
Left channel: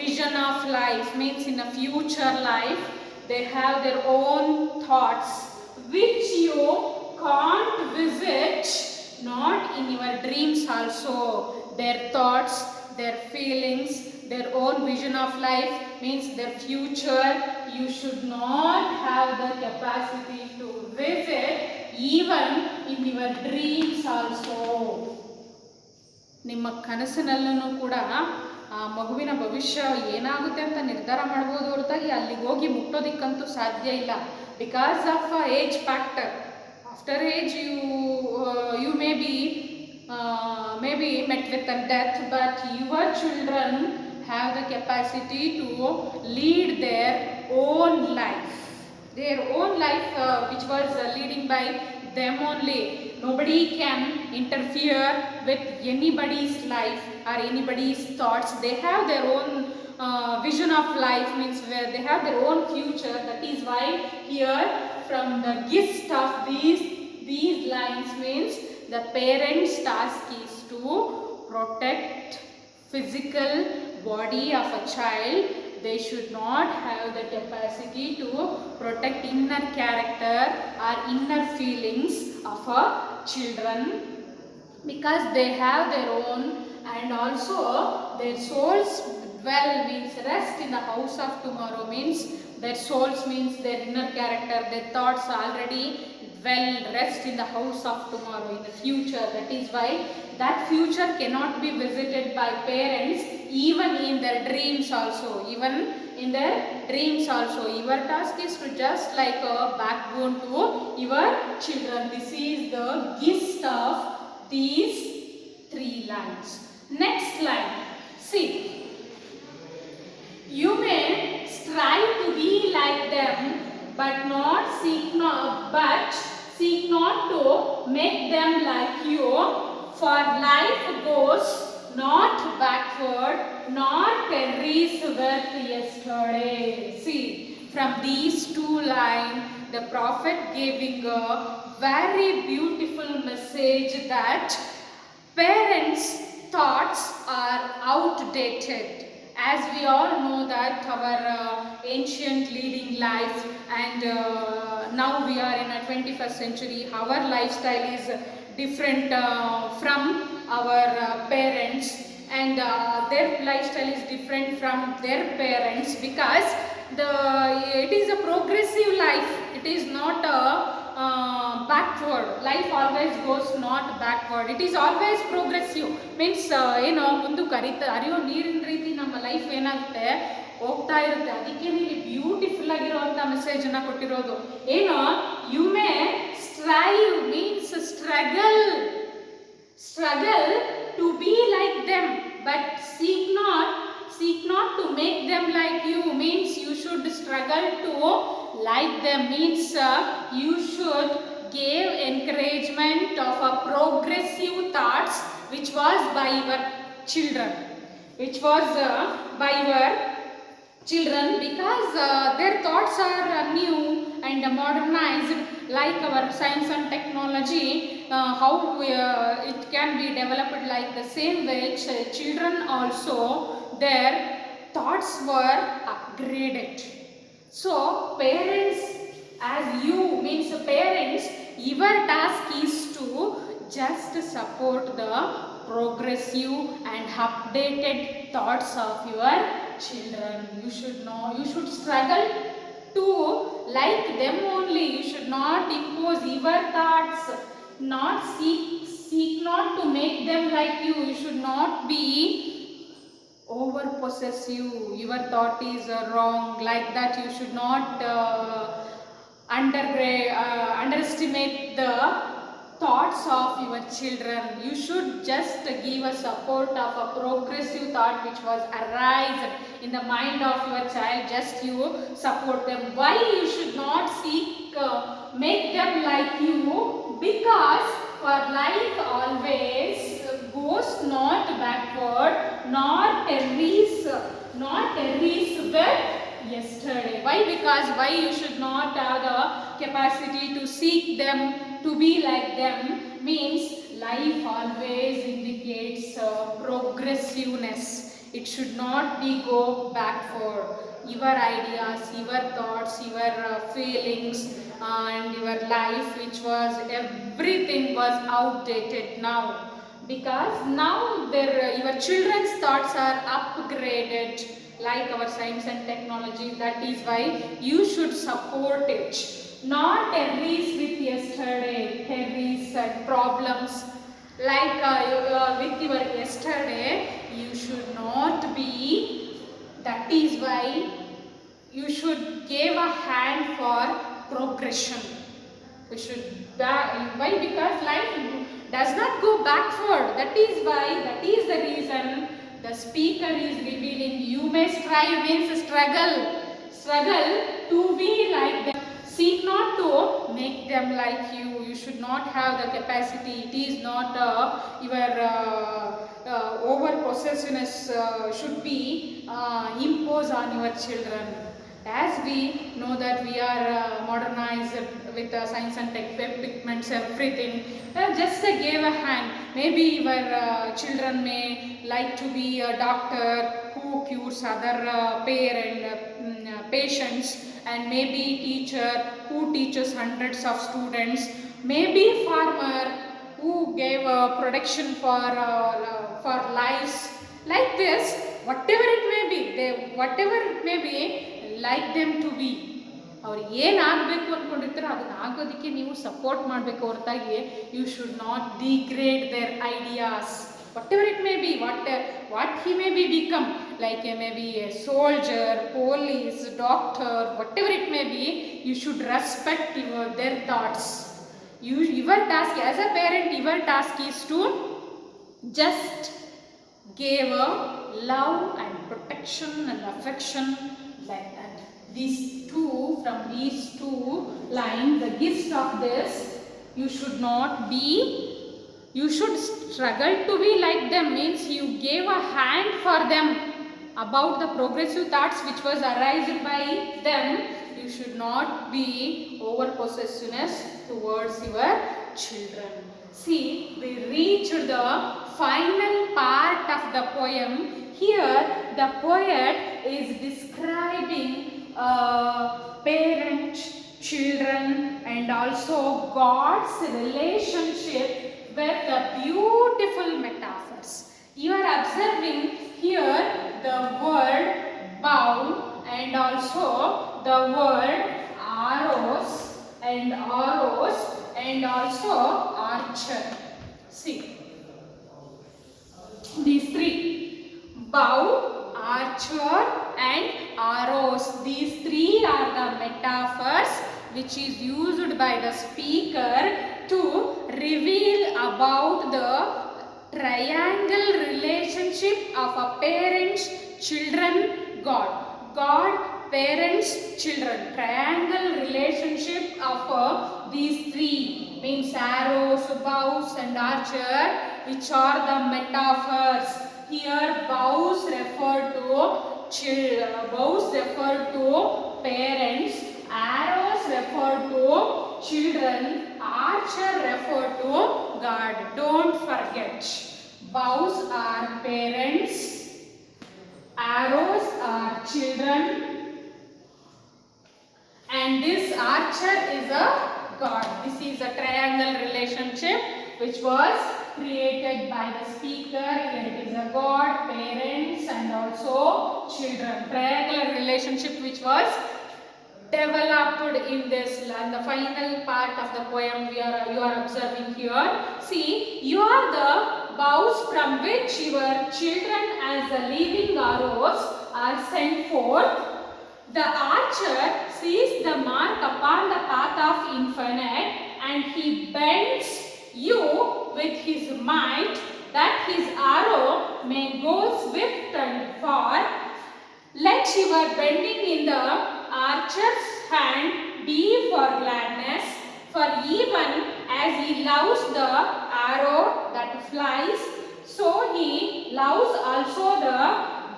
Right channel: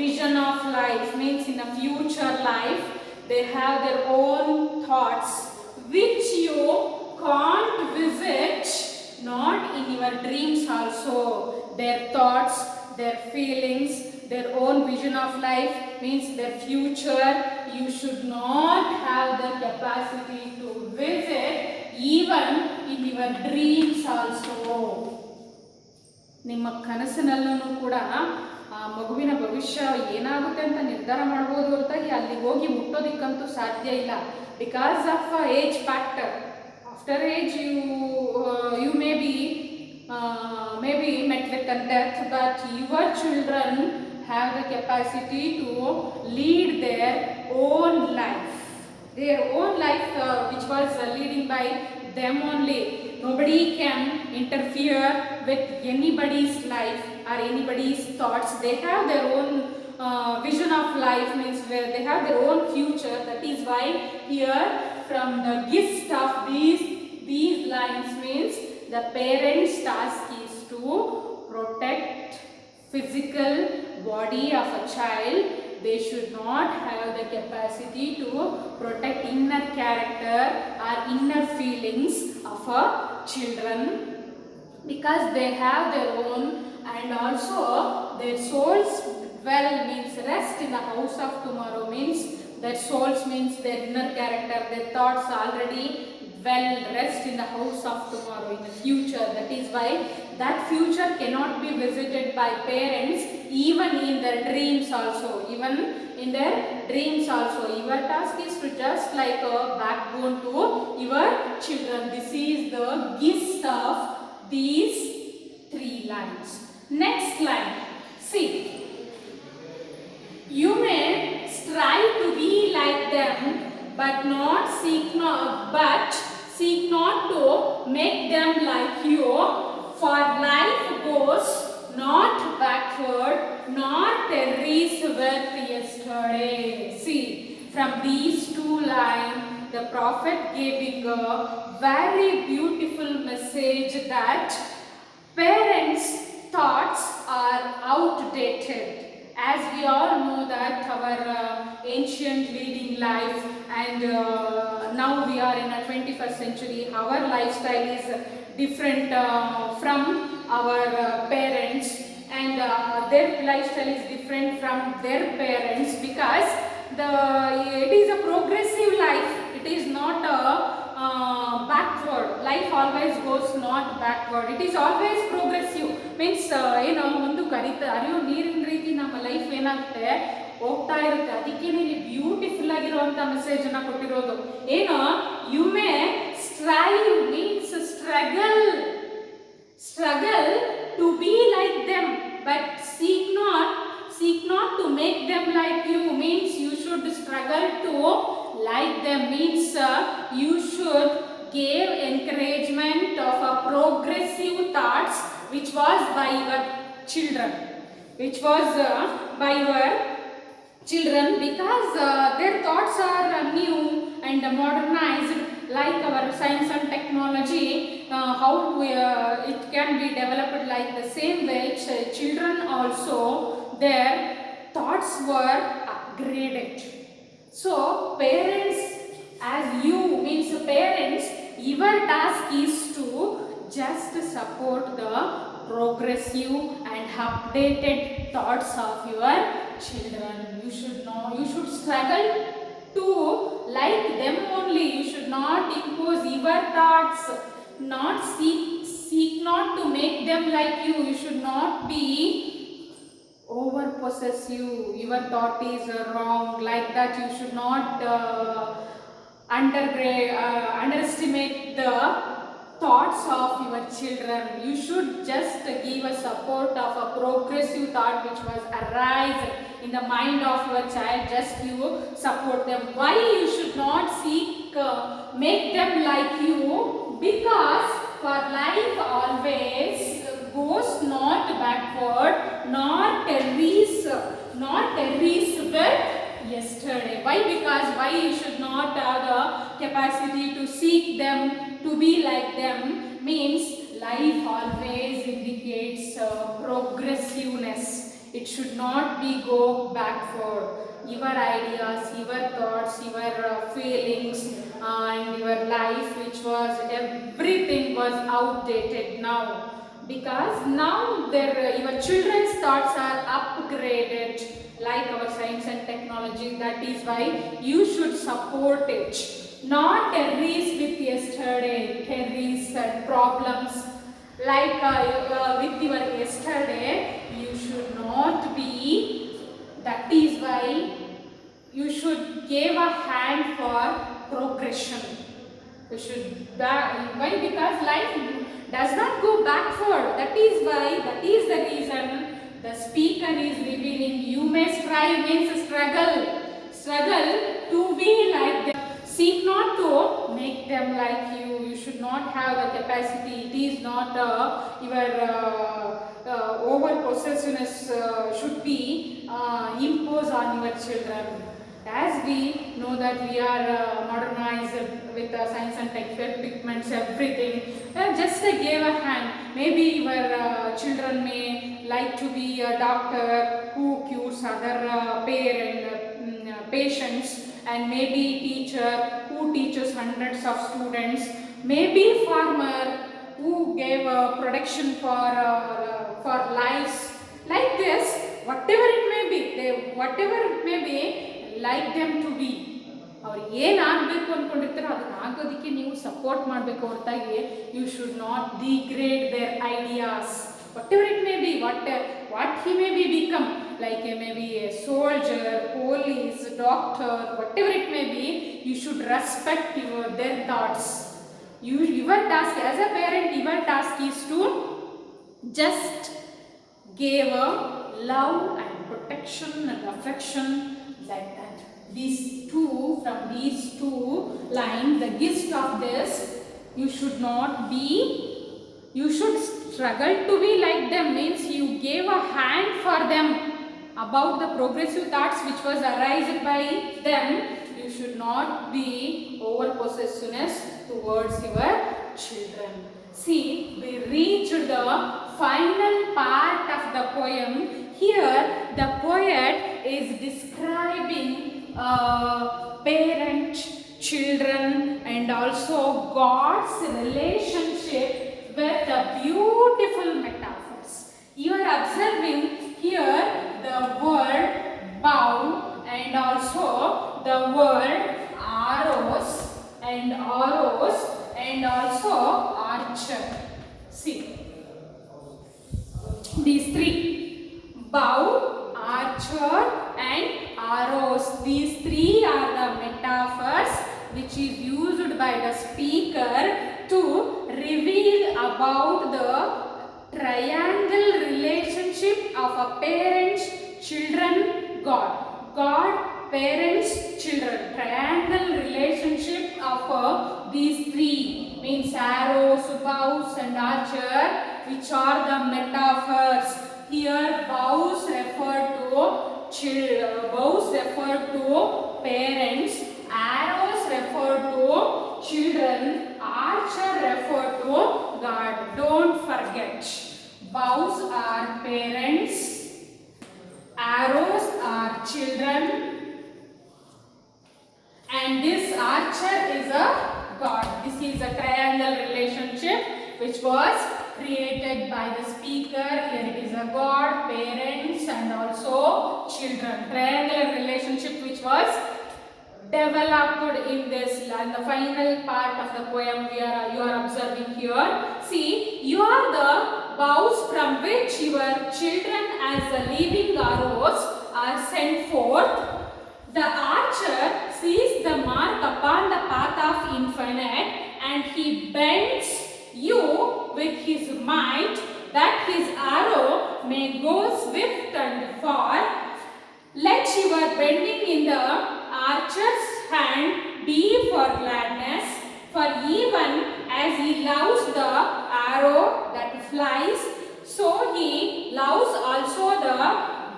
vision of life, means in a future life they have their own thoughts which you can't visit, not in your dreams also. Their thoughts, their feelings, their own vision of life means their future, you should not have the capacity to visit even in your dreams also. ನಿಮ್ಮ ಕನಸಿನಲ್ಲೂ ಕೂಡ ಆ ಮಗುವಿನ ಭವಿಷ್ಯ ಏನಾಗುತ್ತೆ ಅಂತ ನಿರ್ಧಾರ ಮಾಡ್ಬೋದು ಹೊರತಾಗಿ ಅಲ್ಲಿ ಹೋಗಿ ಮುಟ್ಟೋದಿಕ್ಕಂತೂ ಸಾಧ್ಯ ಇಲ್ಲ. Because of age factor. After age you may be met with a death, but your children have the capacity to lead their own life. Their own life which was leading by them only. Nobody can interfere with anybody's life or anybody's thoughts. They have their own vision of life, means where they have their own future. That is why here from the gist of these lines means the parents' task is to protect physical body of a child. They should not have the capacity to protect inner character or inner feelings of a children, because they have their own, and also their souls dwell means rest in the house of tomorrow, means their souls means their inner character, their thoughts already dwell, rest in the house of tomorrow, in the future. That is why that future cannot be visited by parents even in their dreams also. Even in their dreams also. Your task is to just like a backbone to your children. This is the gist of these 3 lines. Next line. See. You may strive to be like them, but seek not to make them like you. For life goes not backward, nor tarries with yesterday. See, from these 2 lines, the prophet giving a very beautiful message that parents' thoughts are outdated. As we all know that our ancient leading life and now we are in a 21st century, our lifestyle is different from our parents, and their lifestyle is different from their parents, because it is a progressive life. It is not a backward. Life always goes not backward. It is always progressive. Means ಏನೋ ಮುಂದಕ್ಕೆ ಹರಿಯೋ ನೀರಿನ ರೀತಿ ನಮ್ಮ life ಏನಾಗುತ್ತೆ, ಹೋಗ್ತಾ ಇರುತ್ತೆ. ಅದಕ್ಕೆ ಇಲ್ಲಿ ಬ್ಯೂಟಿಫುಲ್ ಆಗಿರುವಂಥ ಮೆಸೇಜನ್ನು ಕೊಟ್ಟಿರೋದು ಏನೋ, you may strive means struggle to be like them, but seek not to make them like you. Means you should struggle to like them. Means you should give encouragement of a progressive thoughts which was by your children, because their thoughts are new and modernized, like our science and technology, how it can be developed. Like the same way children also, their thoughts were upgraded. So parents, as you means parents, your task is to just support the progressive and updated thoughts of your children. You should struggle to like them only. You should not impose your thoughts, not seek not to make them like you. You should not be over possessive. Your thought is wrong, like that. You should not underestimate the thoughts of your children. You should just give a support of a progressive thought which was arise in the mind of your child. Just you support them. Why you should not seek make them like you? Because for life always goes not backward, nor tarries with yesterday. Why? Because why you should not have the capacity to seek them to be like them? Means life always indicates progressiveness. It should not be go backward. Your ideas, your thoughts, your feelings and your life, which was everything was outdated now, because now your children's thoughts are upgraded, like our science and technology. That is why you should support it, not tarries with yesterday, tarries and problems like with your yesterday. You should not be. That is why you should give a hand for progression. You should why? Because life does not go backward. That is why, that is the reason the speaker is revealing you may strive means struggle to be like them. Seek not to make them like you. You should not have the capacity. It is not your over possessiveness should be imposed on your children. As we know that we are modernized with science and tech equipments, everything, just give a hand. Maybe your children may like to be a doctor who cures other patients, and maybe teacher who teaches hundreds of students, maybe farmer who gave production for lives. Like this, whatever it may be, like them to be. ಅವ್ರು ಏನು ಆಗಬೇಕು ಅಂದ್ಕೊಂಡಿರ್ತಾರೆ ಅದನ್ನ ಆಗೋದಕ್ಕೆ ನೀವು support ಮಾಡಬೇಕು ಹೊರತಾಗಿ you should not degrade their ideas. whatever it may be, what he may be become, like he may be a soldier, police, doctor, whatever it may be, you should respect their thoughts. Your task as a parent, your task is to just give a love and protection and affection, like that. From these two lines, the gist of this, you should not be, you should struggle to be like them, means you gave a hand for them about the progressive thoughts which was arising by them. You should not be over possessiveness towards your children. See, we reached the final part of the poem. Here the poet is describing parent, children, and also God's relationship with the beautiful metaphors. You are observing here the word bow and also the word arrows and also archer. See, these three, bow, archer and arrows. These three are the metaphors which is used by the speaker to reveal about the triangle relationship of a parents, children, God. God, parents, children. Triangle relationship of these three means arrows, bows and archer, which are the metaphors. Here bows refer to parents, arrows refer to children, archer refer to God. Don't forget, bows are parents, arrows are children, and this archer is a God. This is a triangle relationship which was created by the speaker. Here it is a God, parents and also children. Triangular relationship which was developed in this, and the final part of the poem you are observing here. See, you are the bows from which your children as the living arrows are sent forth. The archer sees the mark upon the path of infinite, and he bends you with his might, that his arrow may go swift and far. Let your bending in the archer's hand be for gladness, for even as he loves the arrow that flies, so he loves also the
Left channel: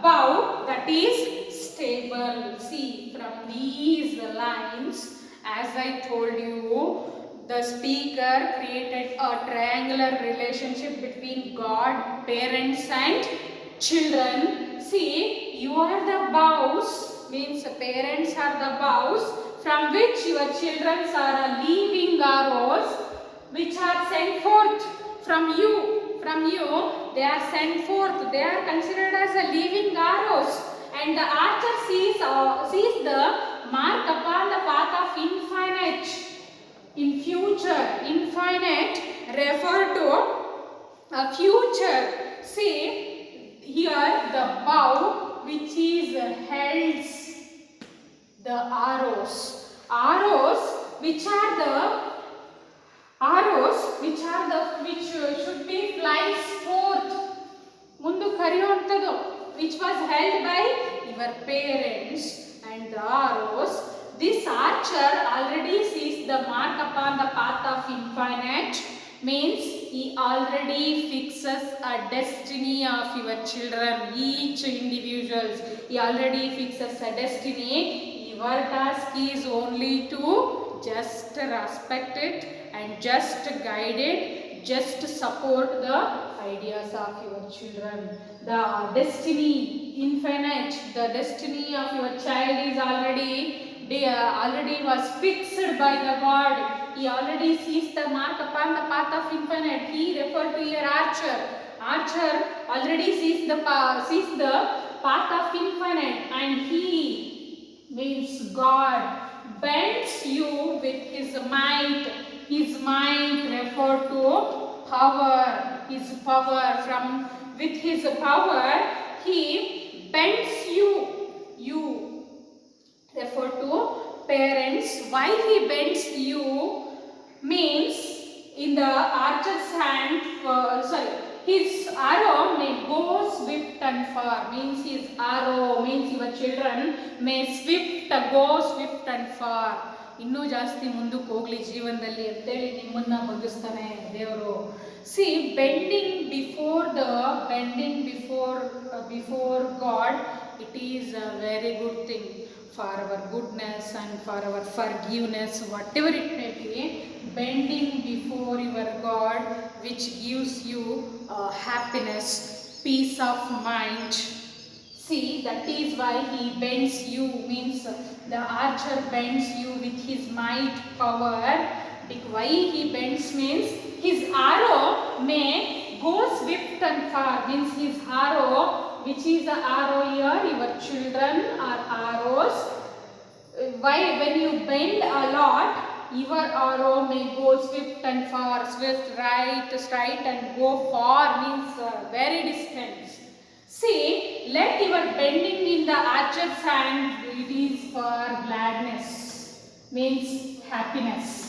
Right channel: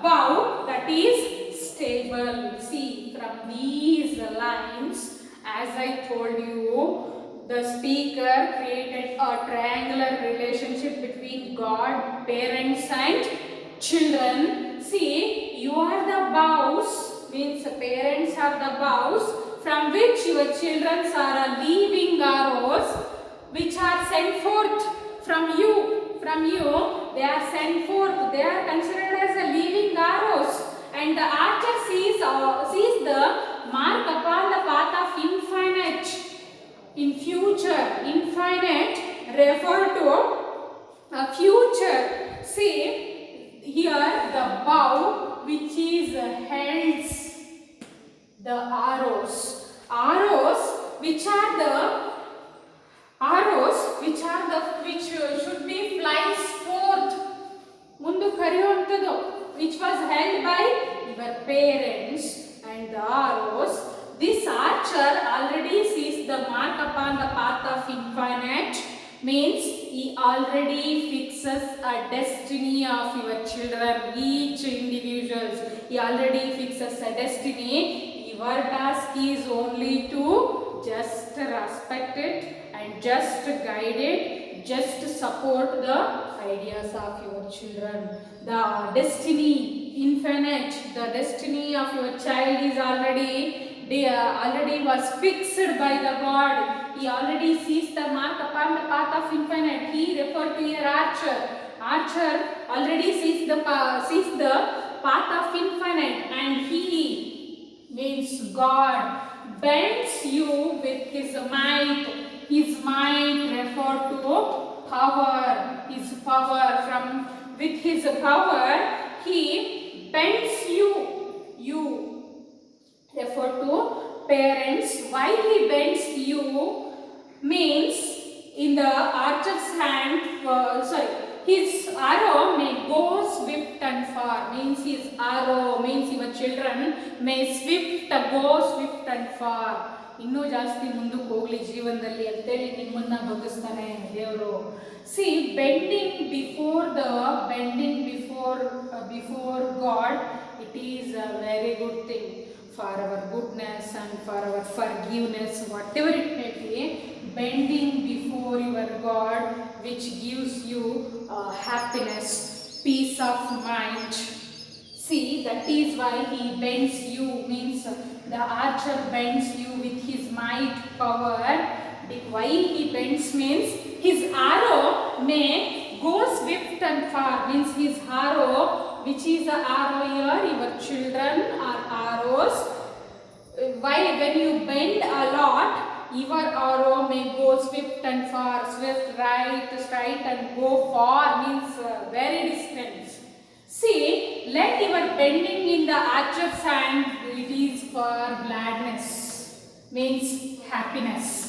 bow that is stable. See, from these lines, as I told you, the speaker created a triangular relationship between God, parents and children. See, you are the bows, means parents are the bows from which your children are living arrows which are sent forth from you. From you, they are sent forth. They are considered as a living arrows. And the archer sees the mark upon the path of infinite. In future, infinite refer to a future. See, here the bow which is held the arrows. Which should be flies forth. Mundu kariyuntadu, which was held by your parents, and the arrows. This archer already sees the mark upon the path of infinite, means he already fixes a destiny of your children, each individuals. He already fixes a destiny. Your task is only to just respect it and just guide it, just support the ideas of your children. The destiny, infinite, the destiny of your child is already was fixed by the God. He already sees the mark upon the path of infinite. He referred to your archer. Archer already sees the path of infinite, and he means God bends you with his might. His might refer to power. His power, from with his power he bends you. You refer to parents. Why he bends you means in the archer's hand, his arrow may go swift and far. Means his arrow, means your children may go swift and far. ಇನ್ನೂ ಜಾಸ್ತಿ ಮುಂದಕ್ಕೆ ಹೋಗಲಿ ಜೀವನದಲ್ಲಿ ಅಂತೇಳಿ ನಿಮ್ಮನ್ನ ಬಗ್ಗಿಸ್ತಾನೆ ದೇವರು. C, bending before god, it is a very good thing for our goodness and for our forgiveness, whatever it may be. Bending before your God, which gives you happiness, peace peace of mind. See, that is why he bends you, means the archer bends you with his might power. Why he bends means his arrow may go swift and far, means his arrow, which is the arrow here, your children are arrows. Why, when you bend a lot, your arrow may go swift and far, swift right, straight and go far, means very distant. See, let your bending in the archer's hand, it is for gladness, means happiness.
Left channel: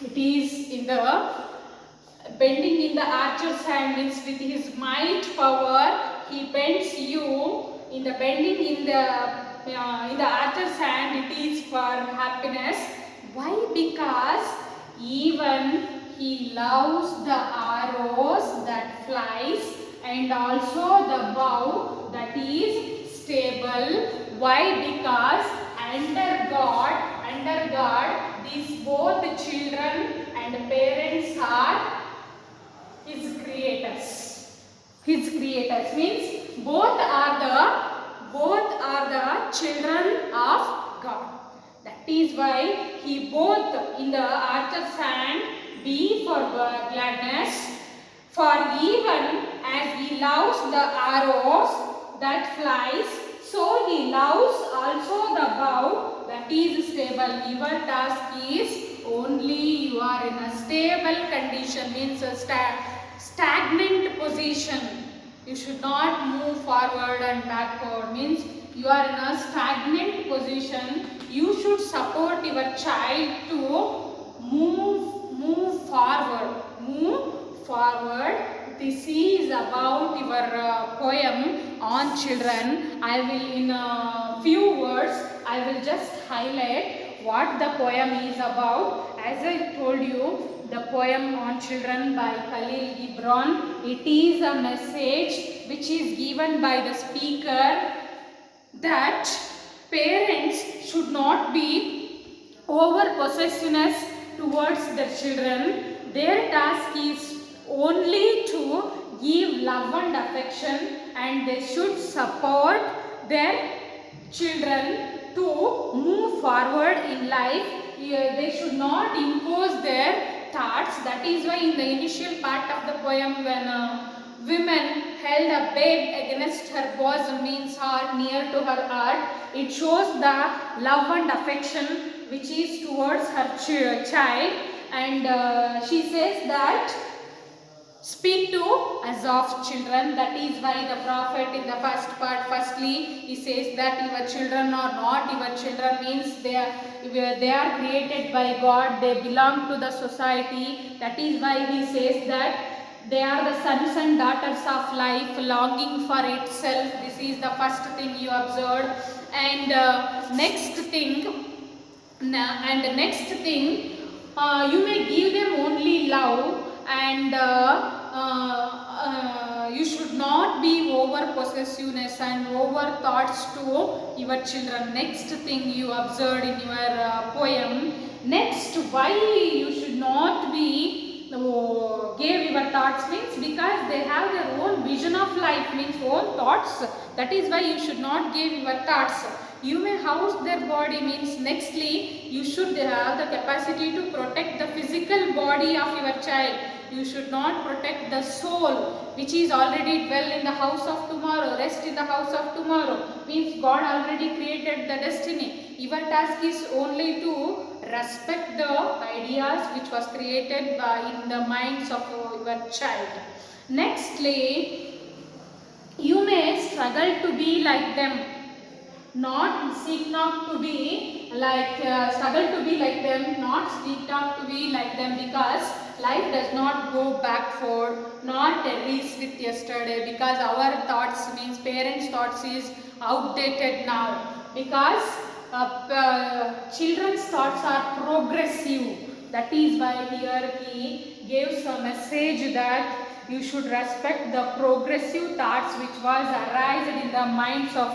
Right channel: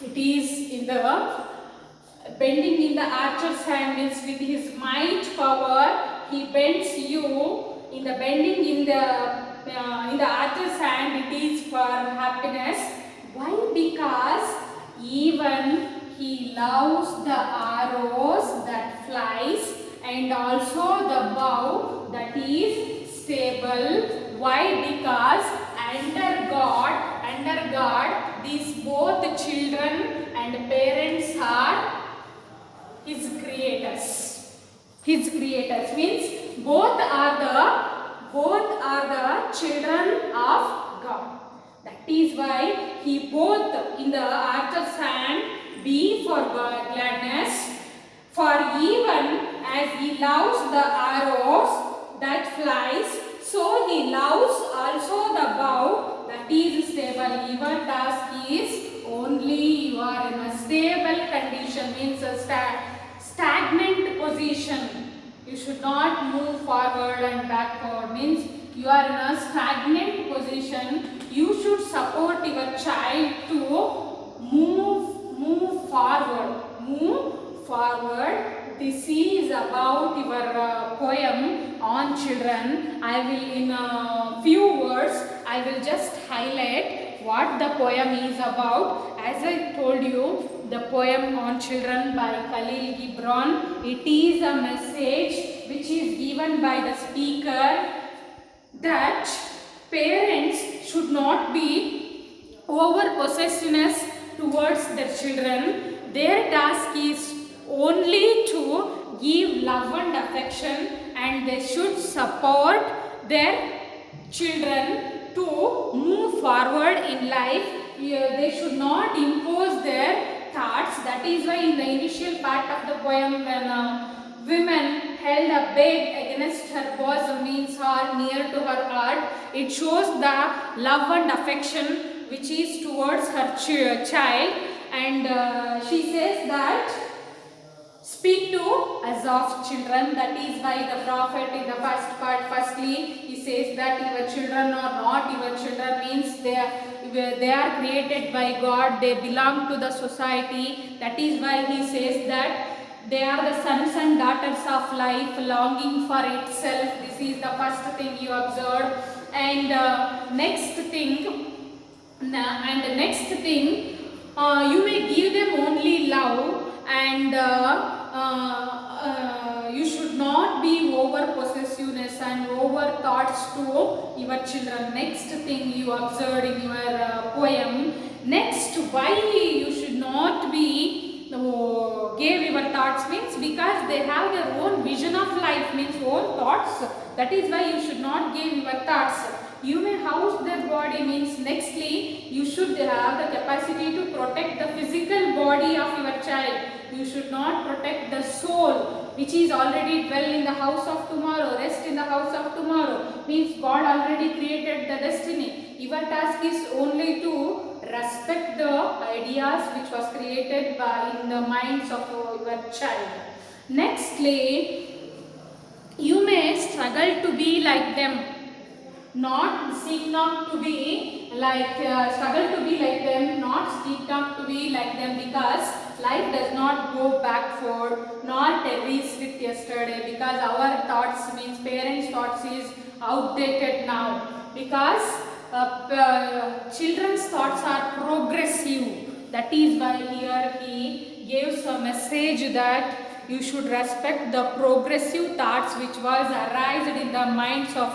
It is in the bending in the archer's hand, means with his might power, he bends you. In the bending in the archer's hand, it is for happiness. Why? Because even he loves the arrows that flies and also the bow that is stable. Why? Because under God, these both children and parents are his creators. His creators means both are the children of God. That is why he both in the archer's hand be for gladness. For even as he loves the arrows that flies, so he loves also the bow that is stable. Your task is only you are in a stable condition, means a stagnant position. You should not move forward and backward, means you are in a stagnant position. You should support your child to move forward. Move forward. This is about your poem on children. I will in a few words, I will just highlight what the poem is about. As I told you, the poem on children by Khalil Gibran. It is a message which is given by the speaker that parents should not be over possessiveness towards their children. Their task is only to give love and affection, and they should support their children to move forward in life. They should not impose their thoughts. That is why in the initial part of the poem, when a woman held a bed against her bosom, means heart, near to her heart, it shows the love and affection which is towards her child. And she says that speak to us of children. That is why the prophet in the first part, firstly he says that your children are not your children, means they are created by God, they belong to the society. That is why he says that they are the sons and daughters of life, longing for itself. This is the first thing you observe. And next thing, you may give them only love, and you should not be over possessiveness and over thoughts to your children. Next thing you observed in your poem. Next, why you should not be gave your thoughts, means because they have their own vision of life, means own thoughts. That is why you should not give your thoughts. You may house their body, means nextly you should have the capacity to protect the physical body of your child. You should not protect the soul which is already dwell in the house of tomorrow, rest in the house of tomorrow, means God already created the destiny. Your task is only to respect the ideas which was created in the minds of your child. Nextly, you may struggle to be like them, not seek not to be like struggle to be like them, not seek not to be like them, because life does not go backward, not erase with yesterday, because our thoughts, means parents' thoughts, is outdated now, because children's thoughts are progressive. That is why here he gives a message that you should respect the progressive thoughts which was arised in the minds of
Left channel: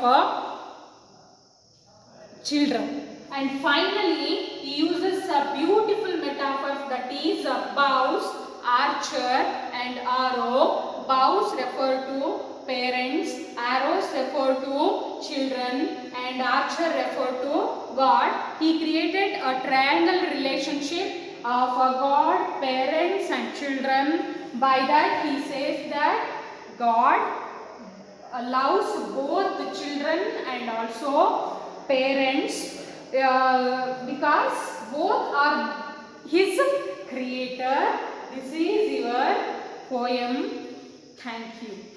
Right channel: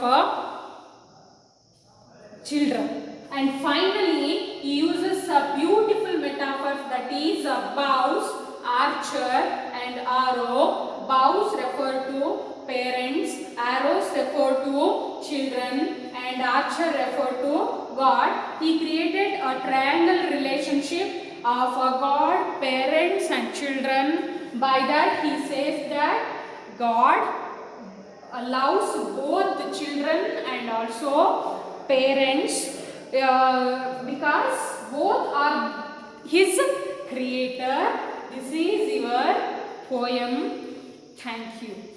children. And finally, he uses a beautiful metaphor, that is bows, archer and arrow. Bow Cows refer to parents, arrows refer to children, and archer refer to God. He created a triangle relationship of a God, parents and children. By that he says that God allows both the children and also parents because both are his creator. This is your poem. Thank you.